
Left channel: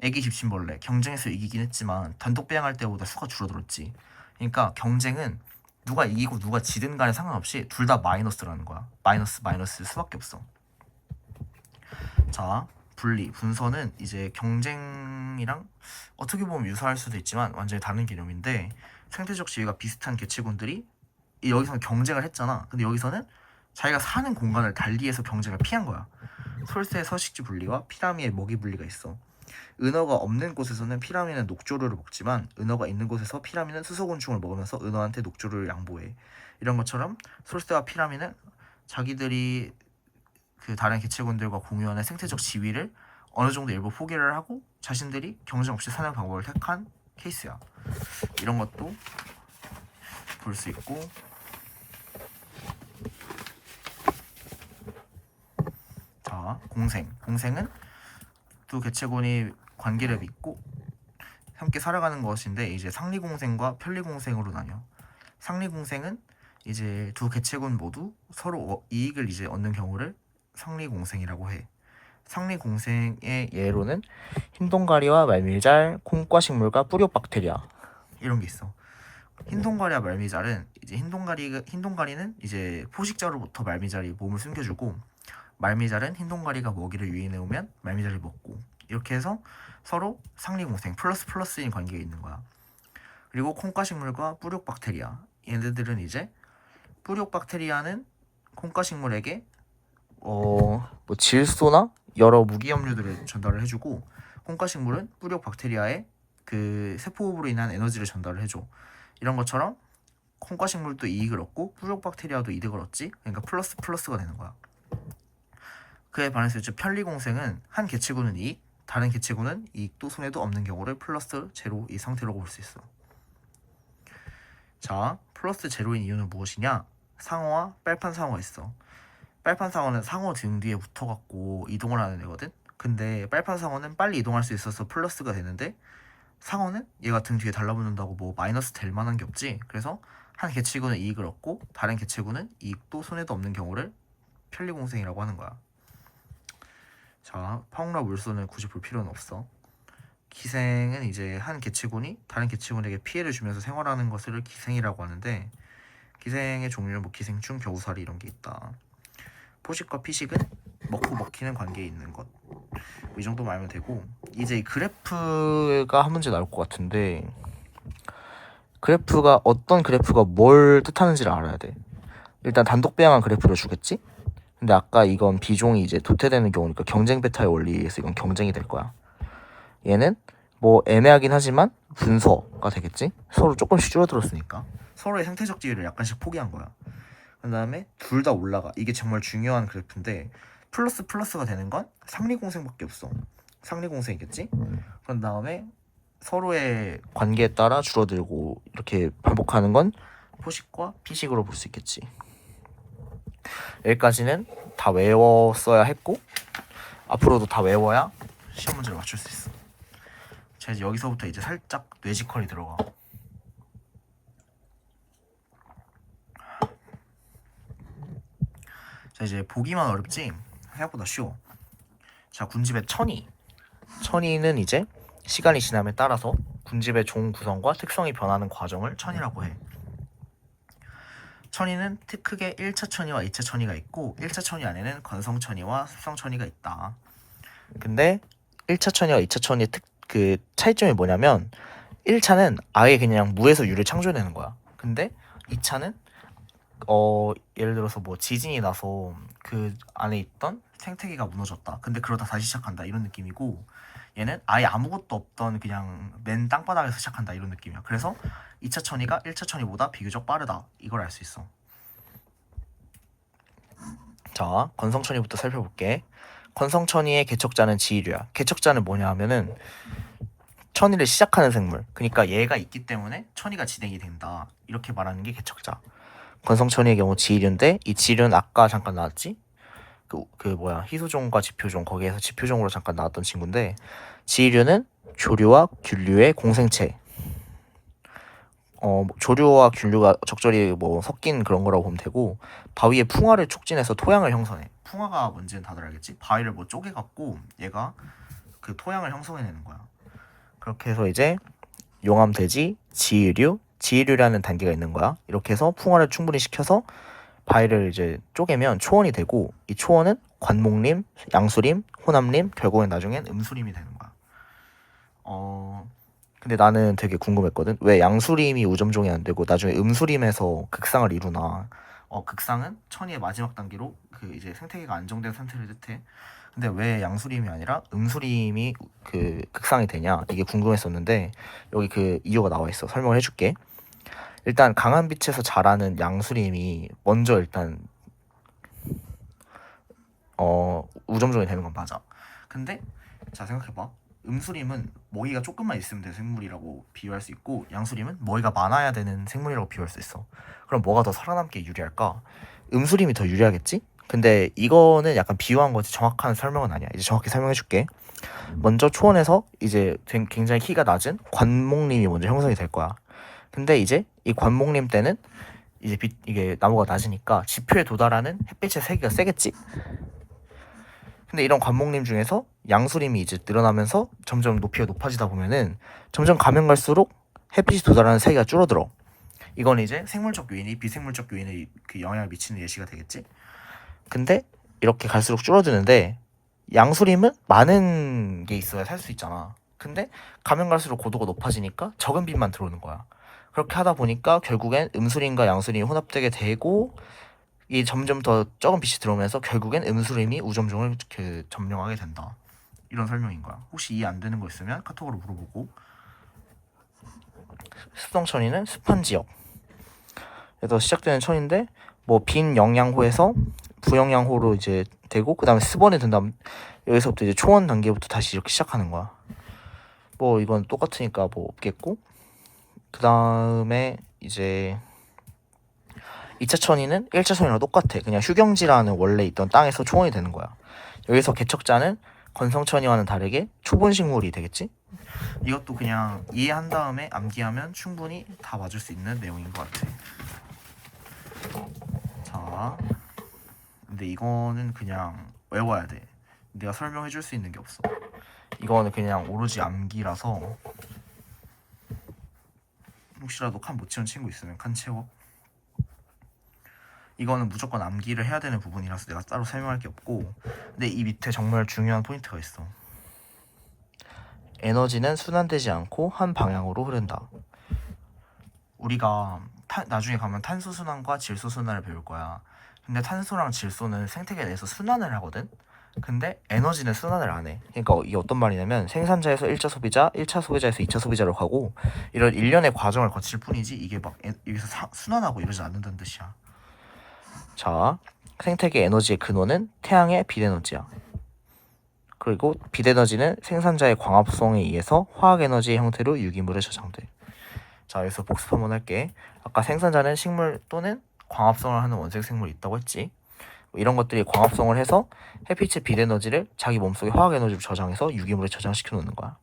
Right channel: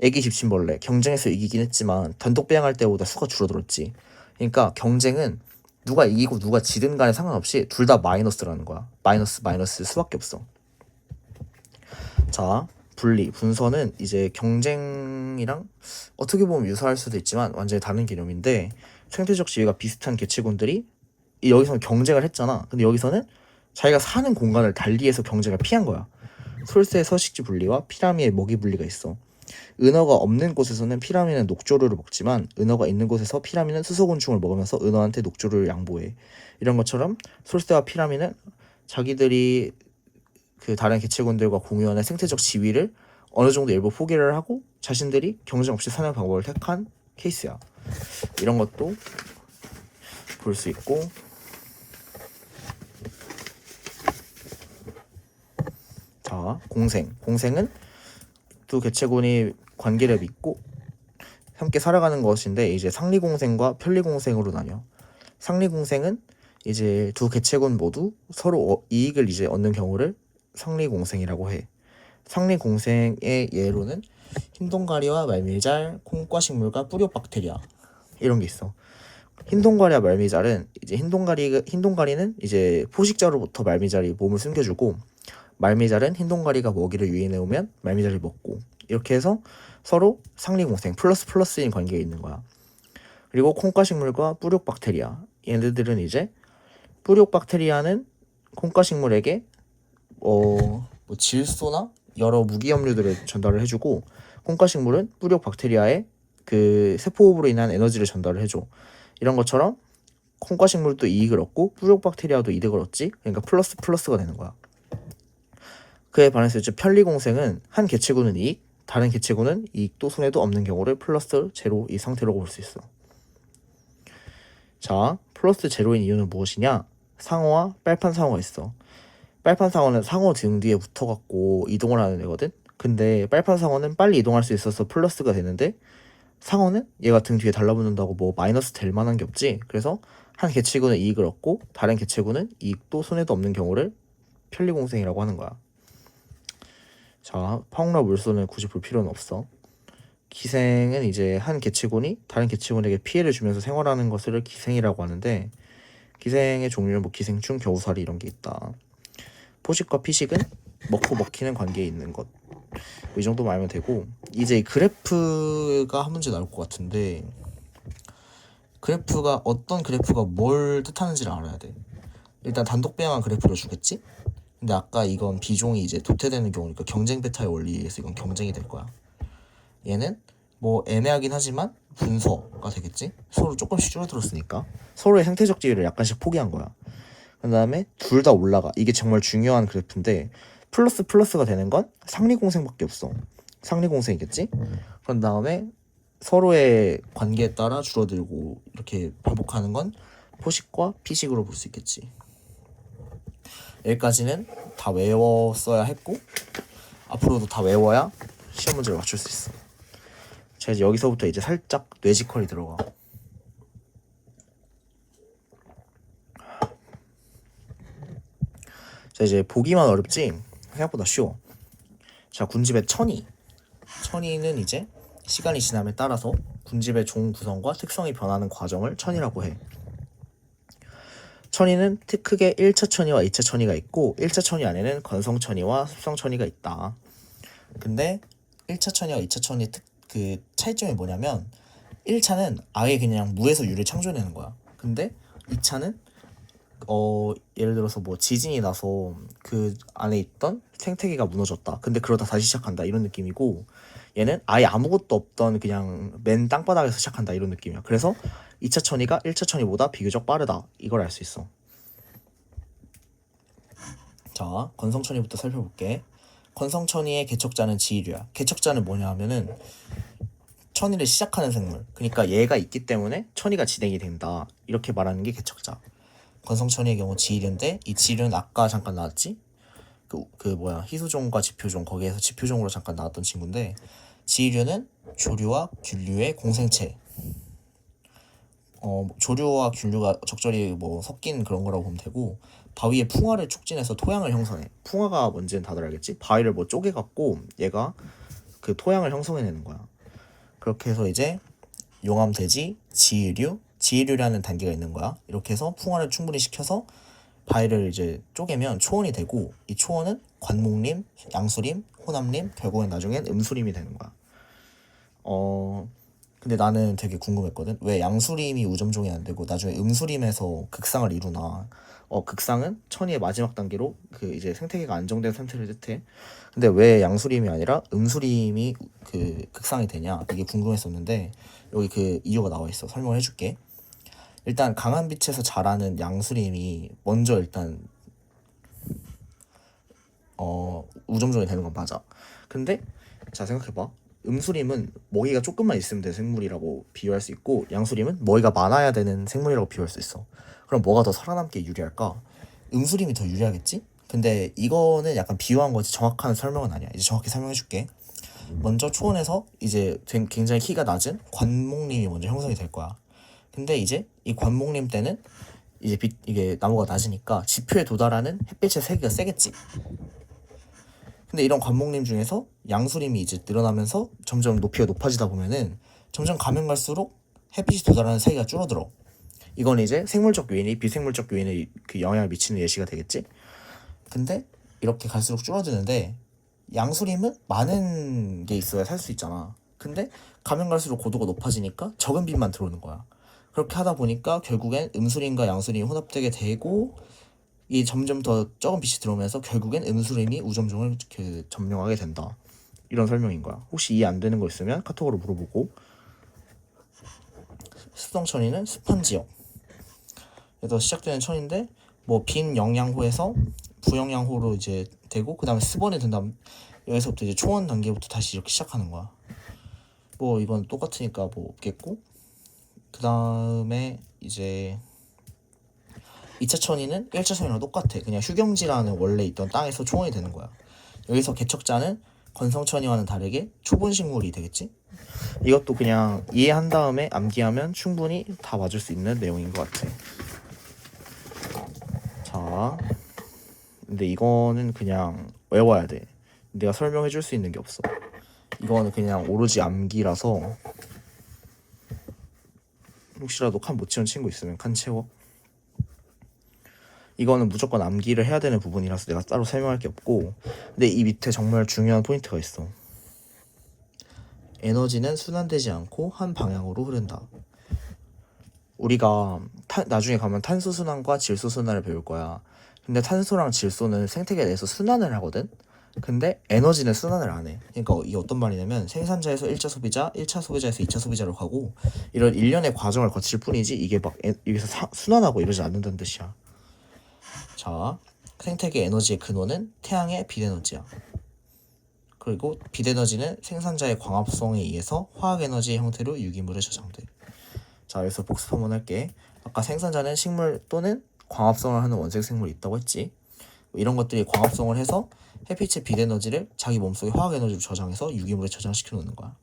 애기 집신벌레 경쟁에서 이기긴 했지만 단독 배양할 때보다 수가 줄어들었지. 그러니까 경쟁은 누가 이기고 누가 지든 간에 상관없이 둘 다 마이너스라는 거야. 마이너스 수밖에 없어. 자, 분서는 이제 경쟁이랑 어떻게 보면 유사할 수도 있지만 완전히 다른 개념인데, 생태적 지위가 비슷한 개체군들이 여기서는 경쟁을 했잖아. 근데 여기서는 자기가 사는 공간을 달리해서 경쟁을 피한 거야. 솔새의 서식지 분리와 피라미의 먹이 분리가 있어. 은어가 없는 곳에서는 피라미는 녹조류를 먹지만 은어가 있는 곳에서 피라미는 수소곤충을 먹으면서 은어한테 녹조류를 양보해. 이런 것처럼 솔새와 피라미는 자기들이 그 다른 개체군들과 공유하는 생태적 지위를 어느 정도 일부 포기를 하고 자신들이 경쟁 없이 사는 방법을 택한 케이스야. 이런 것도 볼 수 있고, 자, 공생은 두 개체군이 관계를 맺고 함께 살아가는 것인데, 이제 상리공생과 편리공생으로 나뉘어. 상리공생은 이제 두 개체군 모두 서로 이익을 이제 얻는 경우를 상리공생이라고 해. 상리공생의 예로는 흰동가리와 말미잘, 콩과 식물과 뿌리옥박테리아 이런 게 있어. 흰동가리와 말미잘은 이제 흰동가리는 이제 포식자로부터 말미잘이 몸을 숨겨주고, 말미잘은 흰동가리가 먹이를 유인해 오면 말미잘이 먹고, 이렇게 해서 서로 상리공생 플러스인 관계가 있는 거야. 그리고 콩과 식물과 뿌리옥박테리아, 얘네들은 이제 뿌리옥박테리아는 콩과 식물에게 뭐 질소나 여러 무기염료들을 전달을 해주고, 콩과 식물은 뿌리옥박테리아의 그 세포호흡으로 인한 에너지를 전달을 해줘. 이런 것처럼 콩과 식물도 이익을 얻고 뿌리옥박테리아도 이득을 얻지. 그러니까 플러스가 되는 거야. 그에 반해서 이제 편리공생은 한 개체군은 이익, 다른 개체군은 이익도 손해도 없는 경우를 플러스 제로 이 상태로 볼 수 있어. 자, 플러스 제로인 이유는 무엇이냐? 상어와 빨판 상어가 있어. 빨판 상어는 상어 등 뒤에 붙어갖고 이동을 하는 애거든. 근데 빨판 상어는 빨리 이동할 수 있어서 플러스가 되는데 상어는 얘가 등 뒤에 달라붙는다고 뭐 마이너스 될 만한 게 없지. 그래서 한 개체군은 이익을 얻고 다른 개체군은 이익도 손해도 없는 경우를 편리공생이라고 하는 거야. 자, 파옥라 물소는 굳이 볼 필요는 없어. 기생은 이제 한 개체군이 다른 개체군에게 피해를 주면서 생활하는 것을 기생이라고 하는데, 기생의 종류는 뭐 기생충, 겨우살이 이런 게 있다. 포식과 피식은 먹고 먹히는 관계에 있는 것. 이 정도만 알면 되고, 이제 그래프가 한 문제 나올 것 같은데, 그래프가 어떤 그래프가 뭘 뜻하는지를 알아야 돼. 일단 단독 배양한 그래프를 주겠지? 근데 아까 이건 비종이 이제 도태되는 경우니까 경쟁 베타의 원리에 의해서 이건 경쟁이 될 거야. 얘는 뭐 애매하긴 하지만 분서가 되겠지? 서로 조금씩 줄어들었으니까 서로의 생태적 지위를 약간씩 포기한 거야. 그 다음에 둘 다 올라가. 이게 정말 중요한 그래프인데 플러스가 되는 건 상리공생밖에 없어. 상리공생이겠지? 그런 다음에 서로의 관계에 따라 줄어들고 이렇게 반복하는 건 포식과 피식으로 볼 수 있겠지. 여기까지는 다 외웠어야 했고 앞으로도 다 외워야 시험 문제를 맞출 수 있어. 자, 이제 여기서부터 이제 살짝 뇌지컬이 들어가. 자, 이제 보기만 어렵지 생각보다 쉬워. 자, 군집의 천이는 이제 시간이 지남에 따라서 군집의 종 구성과 특성이 변하는 과정을 천이라고 해. 천이는 크게 1차 천이와 2차 천이가 있고 1차 천이 안에는 건성 천이와 습성 천이가 있다. 근데 1차 천이와 2차 천이의 그 차이점이 뭐냐면 1차는 아예 그냥 무에서 유를 창조해내는 거야. 근데 2차는 예를 들어서 뭐 지진이 나서 그 안에 있던 생태계가 무너졌다. 근데 그러다 다시 시작한다 이런 느낌이고, 얘는 아예 아무것도 없던 그냥 맨 땅바닥에서 시작한다 이런 느낌이야. 그래서 2차 천이가 1차 천이보다 비교적 빠르다 이걸 알 수 있어. 자, 건성천이부터 살펴볼게. 건성천이의 개척자는 지일류야. 개척자는 뭐냐 하면은 천이를 시작하는 생물. 그러니까 얘가 있기 때문에 천이가 진행이 된다. 이렇게 말하는 게 개척자. 건성천이의 경우 지일류인데 이 지일류는 아까 잠깐 나왔지? 희소종과 지표종 거기에서 지표종으로 잠깐 나왔던 친구인데, 지일류는 조류와 균류의 공생체. 조류와 균류가 적절히 뭐 섞인 그런 거라고 보면 되고, 바위의 풍화를 촉진해서 토양을 형성해. 풍화가 뭔지는 다들 알겠지? 바위를 뭐 쪼개갖고 얘가 그 토양을 형성해내는 거야. 그렇게 해서 이제 용암돼지, 지일류라는 단계가 있는 거야. 이렇게 해서 풍화를 충분히 시켜서 바위를 이제 쪼개면 초원이 되고, 이 초원은 관목림, 양수림, 호남림, 결국엔 나중엔 음수림이 되는 거야. 근데 나는 되게 궁금했거든. 왜 양수림이 우점종이 안 되고 나중에 음수림에서 극상을 이루나. 극상은 천이의 마지막 단계로 그 이제 생태계가 안정된 상태를 뜻해. 근데 왜 양수림이 아니라 음수림이 그 극상이 되냐, 이게 궁금했었는데 여기 그 이유가 나와 있어. 설명을 해줄게. 일단 강한 빛에서 자라는 양수림이 먼저 일단 우점종이 되는 건 맞아. 근데 자, 생각해봐. 음수림은 먹이가 조금만 있으면 되는 생물이라고 비유할 수 있고, 양수림은 먹이가 많아야 되는 생물이라고 비유할 수 있어. 그럼 뭐가 더 살아남기에 유리할까? 음수림이 더 유리하겠지? 근데 이거는 약간 비유한 거지 정확한 설명은 아니야. 이제 정확히 설명해줄게. 먼저 초원에서 이제 굉장히 키가 낮은 관목림이 먼저 형성이 될 거야. 근데 이제 이 관목림 때는 이제 이게 나무가 낮으니까 지표에 도달하는 햇빛의 세기가 세겠지? 근데 이런 관목림 중에서 양수림이 이제 늘어나면서 점점 높이가 높아지다 보면은 점점 가면 갈수록 햇빛이 도달하는 세기가 줄어들어. 이건 이제 생물적 요인이 비생물적 요인에 그 영향을 미치는 예시가 되겠지. 근데 이렇게 갈수록 줄어드는데 양수림은 많은 게 있어야 살 수 있잖아. 근데 가면 갈수록 고도가 높아지니까 적은 빛만 들어오는 거야. 그렇게 하다 보니까 결국엔 음수림과 양수림이 혼합되게 되고, 이 점점 더 적은 빛이 들어오면서 결국엔 음수림이 우점종을 이렇게 점령하게 된다. 이런 설명인 거야. 혹시 이해 안 되는 거 있으면 카톡으로 물어보고. 습성천이는 습한 지역에서 시작되는 천인데, 뭐 빈 영양호에서 부영양호로 이제 되고 그 다음에 스번에 든 다음 여기서부터 이제 초원 단계부터 다시 이렇게 시작하는 거야. 뭐 이건 똑같으니까 뭐 없겠고, 그 다음에 이제 2차 천이는 1차 천이랑 똑같아. 그냥 휴경지라는 원래 있던 땅에서 초원이 되는 거야. 여기서 개척자는 건성천이와는 다르게 초본식물이 되겠지? 이것도 그냥 이해한 다음에 암기하면 충분히 다 맞을 수 있는 내용인 것 같아. 자, 근데 이거는 그냥 외워야 돼. 내가 설명해 줄 수 있는 게 없어. 이거는 그냥 오로지 암기라서 혹시라도 칸 못 채운 친구 있으면 칸 채워. 이거는 무조건 암기를 해야 되는 부분이라서 내가 따로 설명할 게 없고, 근데 이 밑에 정말 중요한 포인트가 있어. 에너지는 순환되지 않고 한 방향으로 흐른다. 우리가 나중에 가면 탄소 순환과 질소 순환을 배울 거야. 근데 탄소랑 질소는 생태계 내에서 순환을 하거든. 근데 에너지는 순환을 안 해. 그러니까 이게 어떤 말이냐면 생산자에서 1차 소비자, 1차 소비자에서 2차 소비자로 가고 이런 일련의 과정을 거칠 뿐이지 이게 막 여기서 순환하고 이러지 않는다는 뜻이야. 자, 생태계 에너지의 근원은 태양의 빛에너지야. 그리고 빛에너지는 생산자의 광합성에 의해서 화학에너지의 형태로 유기물에 저장돼. 자, 여기서 복습 한번 할게. 아까 생산자는 식물 또는 광합성을 하는 원색 생물이 있다고 했지. 이런 것들이 광합성을 해서 햇빛의 빛에너지를 자기 몸속에 화학에너지로 저장해서 유기물에 저장시켜 놓는 거야.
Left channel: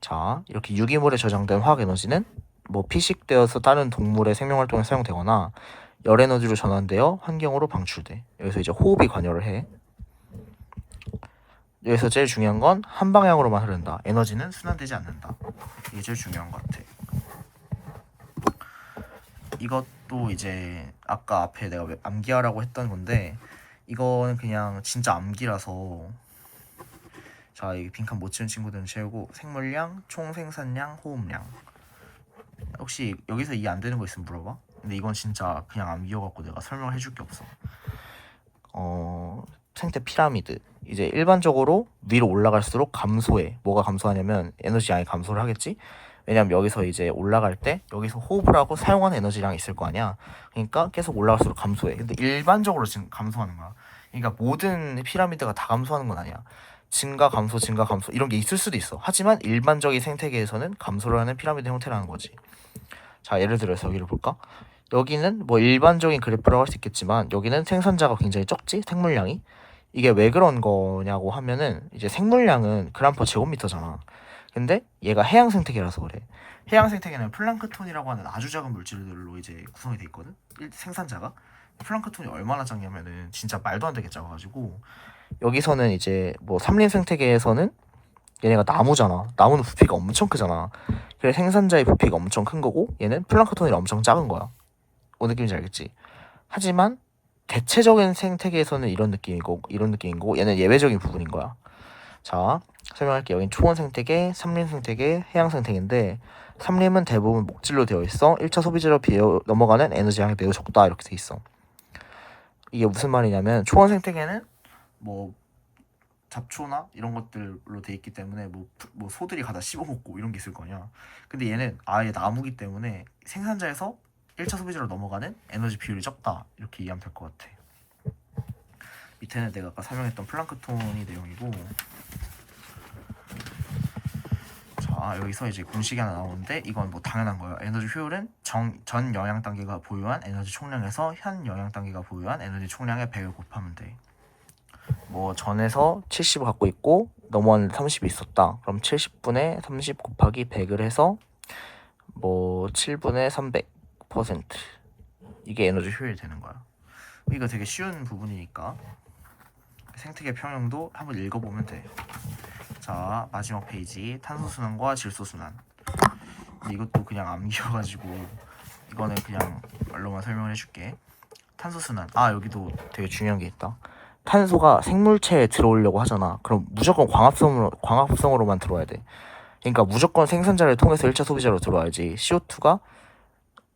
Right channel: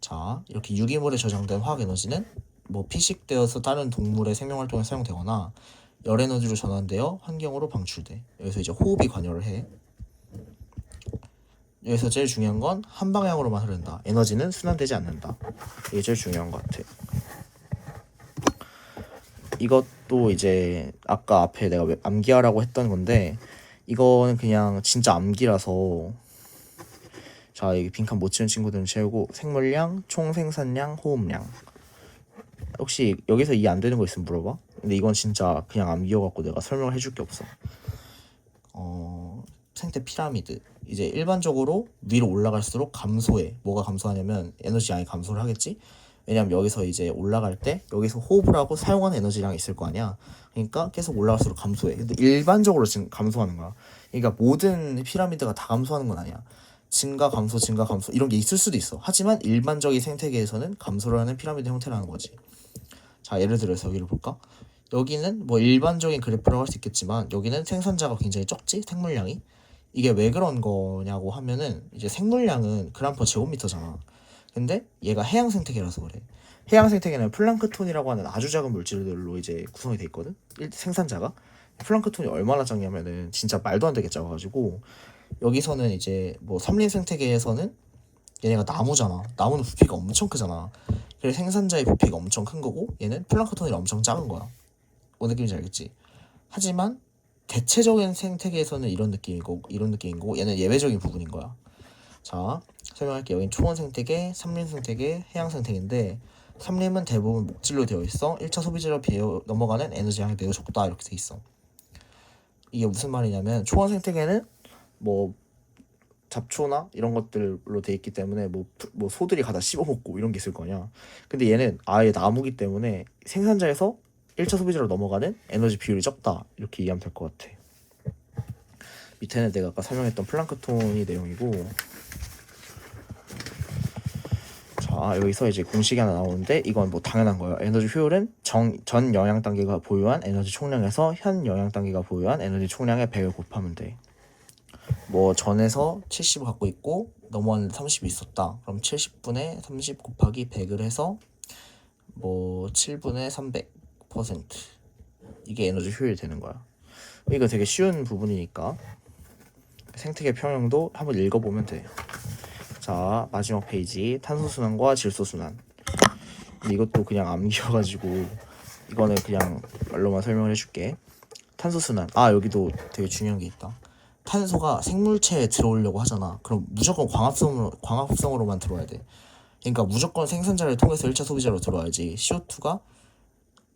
자, 이렇게 유기물에 저장된 화학에너지는 뭐 피식되어서 다른 동물의 생명활동에 사용되거나 열에너지로 전환되어 환경으로 방출돼. 여기서 이제 호흡이 관여를 해. 여기서 제일 중요한 건 한 방향으로만 흐른다. 에너지는 순환되지 않는다. 이게 제일 중요한 것 같아. 이것도 이제 아까 앞에 내가 암기하라고 했던 건데 이거는 그냥 진짜 암기라서, 자, 이게 빈칸 못 채운 친구들은 채우고, 생물량, 총생산량, 호흡량. 혹시 여기서 이해 안 되는 거 있으면 물어봐. 근데 이건 진짜 그냥 암기여갖고 내가 설명을 해줄 게 없어. 생태 피라미드. 이제 일반적으로 위로 올라갈수록 감소해. 뭐가 감소하냐면 에너지 양이 감소를 하겠지. 왜냐면 여기서 이제 올라갈 때 여기서 호흡을 하고 사용하는 에너지량이 있을 거 아니야. 그러니까 계속 올라갈수록 감소해. 근데 일반적으로 지금 감소하는 거야. 그러니까 모든 피라미드가 다 감소하는 건 아니야. 증가 감소 증가 감소 이런 게 있을 수도 있어. 하지만 일반적인 생태계에서는 감소를 하는 피라미드 형태라는 거지. 자, 예를 들어서 여기를 볼까? 여기는 뭐 일반적인 그래프라고 할 수 있겠지만 여기는 생산자가 굉장히 적지? 생물량이. 이게 왜 그런 거냐고 하면은 이제 생물량은 그램/per 제곱미터잖아. 근데 얘가 해양 생태계라서 그래. 해양 생태계는 플랑크톤이라고 하는 아주 작은 물질들로 이제 구성이 돼 있거든. 생산자가. 플랑크톤이 얼마나 작냐면은 진짜 말도 안 되게 작아가지고, 여기서는 이제 뭐 삼림 생태계에서는 얘네가 나무잖아. 나무는 부피가 엄청 크잖아. 그래서 생산자의 부피가 엄청 큰 거고 얘는 플랑크톤이랑 엄청 작은 거야. 뭔 느낌인지 알겠지? 하지만 대체적인 생태계에서는 이런 느낌이고 이런 느낌인 거고 얘는 예외적인 부분인 거야. 자, 설명할게. 여긴 초원 생태계, 삼림 생태계, 해양 생태계인데 삼림은 대부분 목질로 되어 있어. 1차 소비재로 비어 넘어가는 에너지량이 매우 적다 이렇게 돼 있어. 이게 무슨 말이냐면 초원 생태계는 뭐 잡초나 이런 것들로 돼 있기 때문에 뭐 소들이 가다 씹어먹고 이런 게 있을 거냐. 근데 얘는 아예 나무기 때문에 생산자에서 1차 소비자로 넘어가는 에너지 비율이 적다 이렇게 이해하면 될 것 같아. 밑에는 내가 아까 설명했던 플랑크톤이 내용이고, 자, 여기서 이제 공식이 하나 나오는데 이건 뭐 당연한 거예요. 에너지 효율은 전 영양 단계가 보유한 에너지 총량에서 현 영양 단계가 보유한 에너지 총량의 100을 곱하면 돼. 뭐 전에서 70을 갖고 있고 넘어왔는데 30이 있었다. 그럼 70분의 30 곱하기 100을 해서 뭐 7분의 300% 이게 에너지 효율이 되는 거야. 이거 되게 쉬운 부분이니까 생태계 평형도 한번 읽어보면 돼. 자, 마지막 페이지 탄소순환과 질소순환. 이것도 그냥 암기여가지고 이거는 그냥 말로만 설명을 해줄게. 탄소순환. 아, 여기도 되게 중요한 게 있다. 탄소가 생물체에 들어오려고 하잖아. 그럼 무조건 광합성으로만 들어와야 돼. 그러니까 무조건 생산자를 통해서 1차 소비자로 들어와야지. CO2가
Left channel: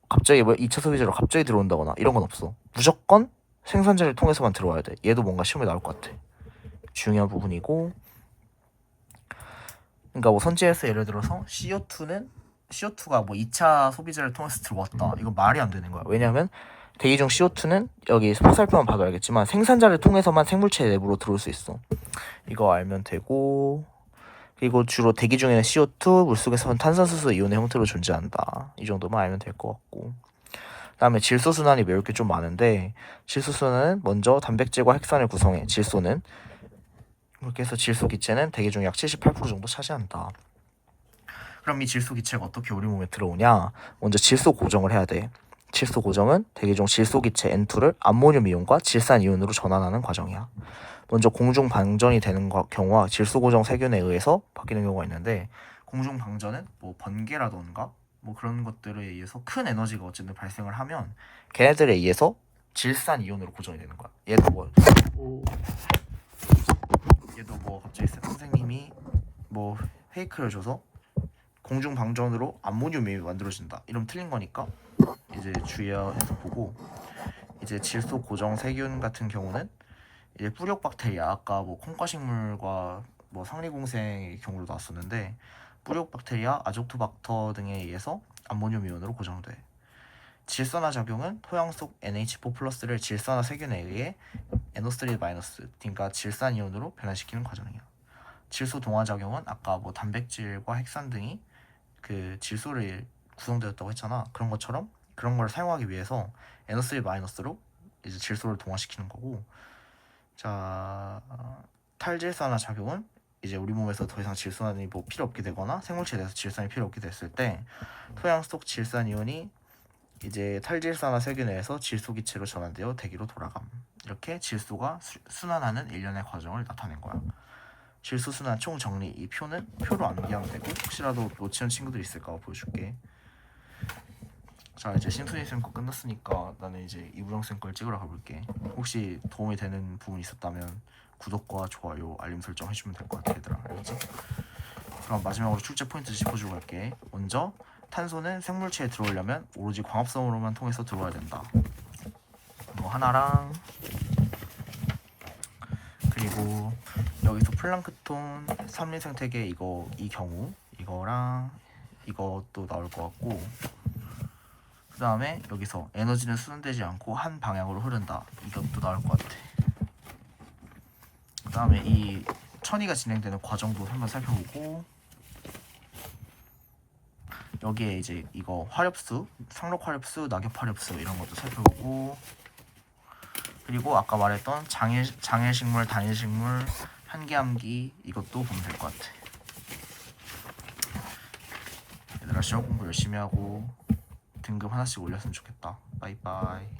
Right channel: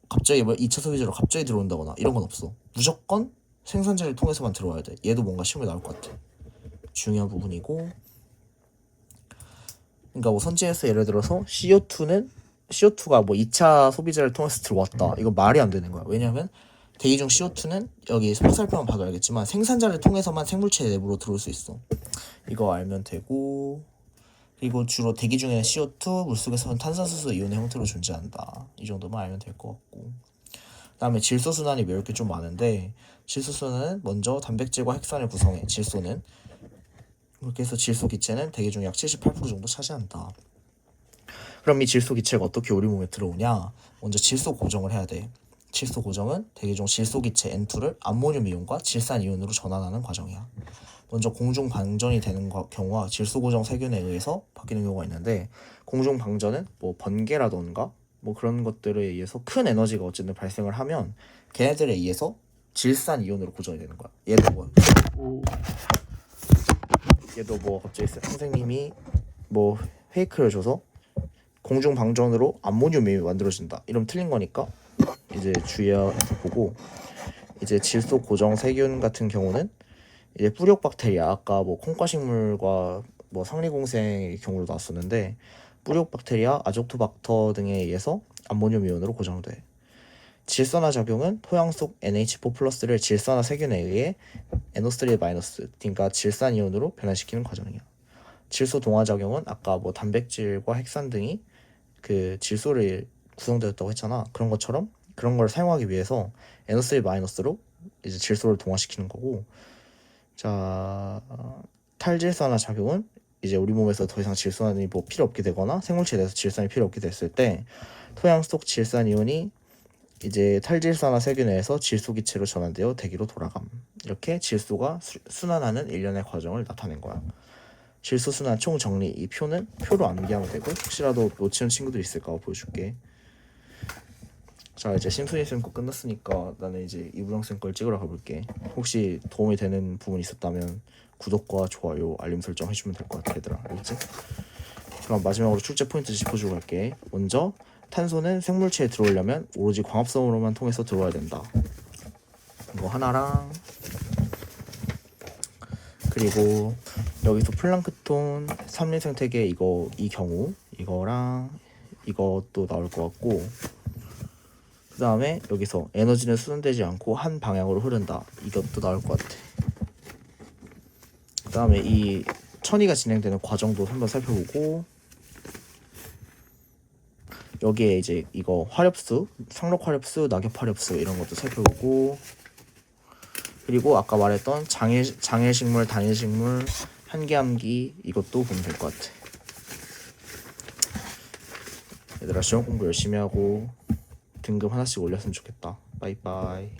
갑자기 2차 소비자로 갑자기 들어온다거나 이런 건 없어. 무조건 생산자를 통해서만 들어와야 돼. 얘도 뭔가 시험에 나올 것 같아. 중요한 부분이고, 그러니까 뭐 선지에서 예를 들어서 CO2가 뭐 2차 소비자를 통해서 들어왔다. 이건 말이 안 되는 거야. 왜냐하면 대기 중 CO2는 여기 화살표만 봐도 알겠지만 생산자를 통해서만 생물체 내부로 들어올 수 있어. 이거 알면 되고, 그리고 주로 대기 중에는 CO2, 물속에서는 탄산수소 이온의 형태로 존재한다. 이 정도만 알면 될 것 같고, 그다음에 질소 순환이 외울 게 좀 많은데, 질소 순환은 먼저 단백질과 핵산을 구성해. 질소는 이렇게 해서 질소 기체는 대기 중 약 78% 정도 차지한다. 그럼 이 질소 기체가 어떻게 우리 몸에 들어오냐? 먼저 질소 고정을 해야 돼. 질소 고정은 대기 중 질소 기체 N2를 암모늄 이온과 질산 이온으로 전환하는 과정이야. 먼저 공중 방전이 되는 경우와 질소 고정 세균에 의해서 바뀌는 경우가 있는데, 공중 방전은 뭐 번개라던가 뭐 그런 것들에 의해서 큰 에너지가 어쨌든 발생을 하면 걔네들에 의해서 질산 이온으로 고정이 되는 거야. 얘도 뭐 갑자기 선생님이 뭐 페이크를 줘서 공중 방전으로 암모늄이 만들어진다 이러면 틀린 거니까 이제 주의해서 보고, 이제 질소 고정 세균 같은 경우는 이제 뿌력 박테리아, 아까 뭐 콩과식물과 뭐 상리공생의 경우로 나왔었는데, 뿌력 박테리아, 아조토박터 등에 의해서 암모늄 이온으로 고정돼. 질산화 작용은 토양 속 NH4+를 질산화 세균에 의해 NO3-, 그러니까 질산 이온으로 변화시키는 과정이야. 질소 동화 작용은 아까 뭐 단백질과 핵산 등이 그 질소를 구성되었다고 했잖아. 그런 것처럼 그런 걸 사용하기 위해서 NO3-로 이제 질소를 동화시키는 거고, 자, 탈질산화 작용은 이제 우리 몸에서 더 이상 질산이 뭐 필요 없게 되거나 생물체에 대해서 질산이 필요 없게 됐을 때 토양 속 질산 이온이 이제 탈질산화 세균에서 질소 기체로 전환되어 대기로 돌아감. 이렇게 질소가 순환하는 일련의 과정을 나타낸 거야. 질소 순환 총 정리, 이 표는 표로 암기하면 되고, 혹시라도 놓치는 친구들 있을까 보여줄게. 자, 이제 심순이 쌤 거 끝났으니까 나는 이제 이부영 쌤 걸 찍으러 가볼게. 혹시 도움이 되는 부분 있었다면 구독과 좋아요, 알림 설정 해주면 될 것 같아 얘들아. 알겠지? 그럼 마지막으로 출제 포인트 짚어주고 갈게. 먼저 탄소는 생물체에 들어오려면 오로지 광합성으로만 통해서 들어와야 된다. 이거 하나랑, 그리고 여기서 플랑크톤 3리 생태계 이 경우 이거랑 이것도 나올 것 같고, 그 다음에 여기서 에너지는 수선되지 않고 한 방향으로 흐른다, 이것도 나올 것 같아. 그 다음에 이 천이가 진행되는 과정도 한번 살펴보고, 여기에 이제 이거 화렵수, 상록 화렵수, 낙엽 화렵수 이런 것도 살펴보고, 그리고 아까 말했던 장일식물, 단일식물, 한계암기 이것도 보면 될 것 같아. 얘들아, 시험 공부 열심히 하고 등급 하나씩 올렸으면 좋겠다. 빠이빠이.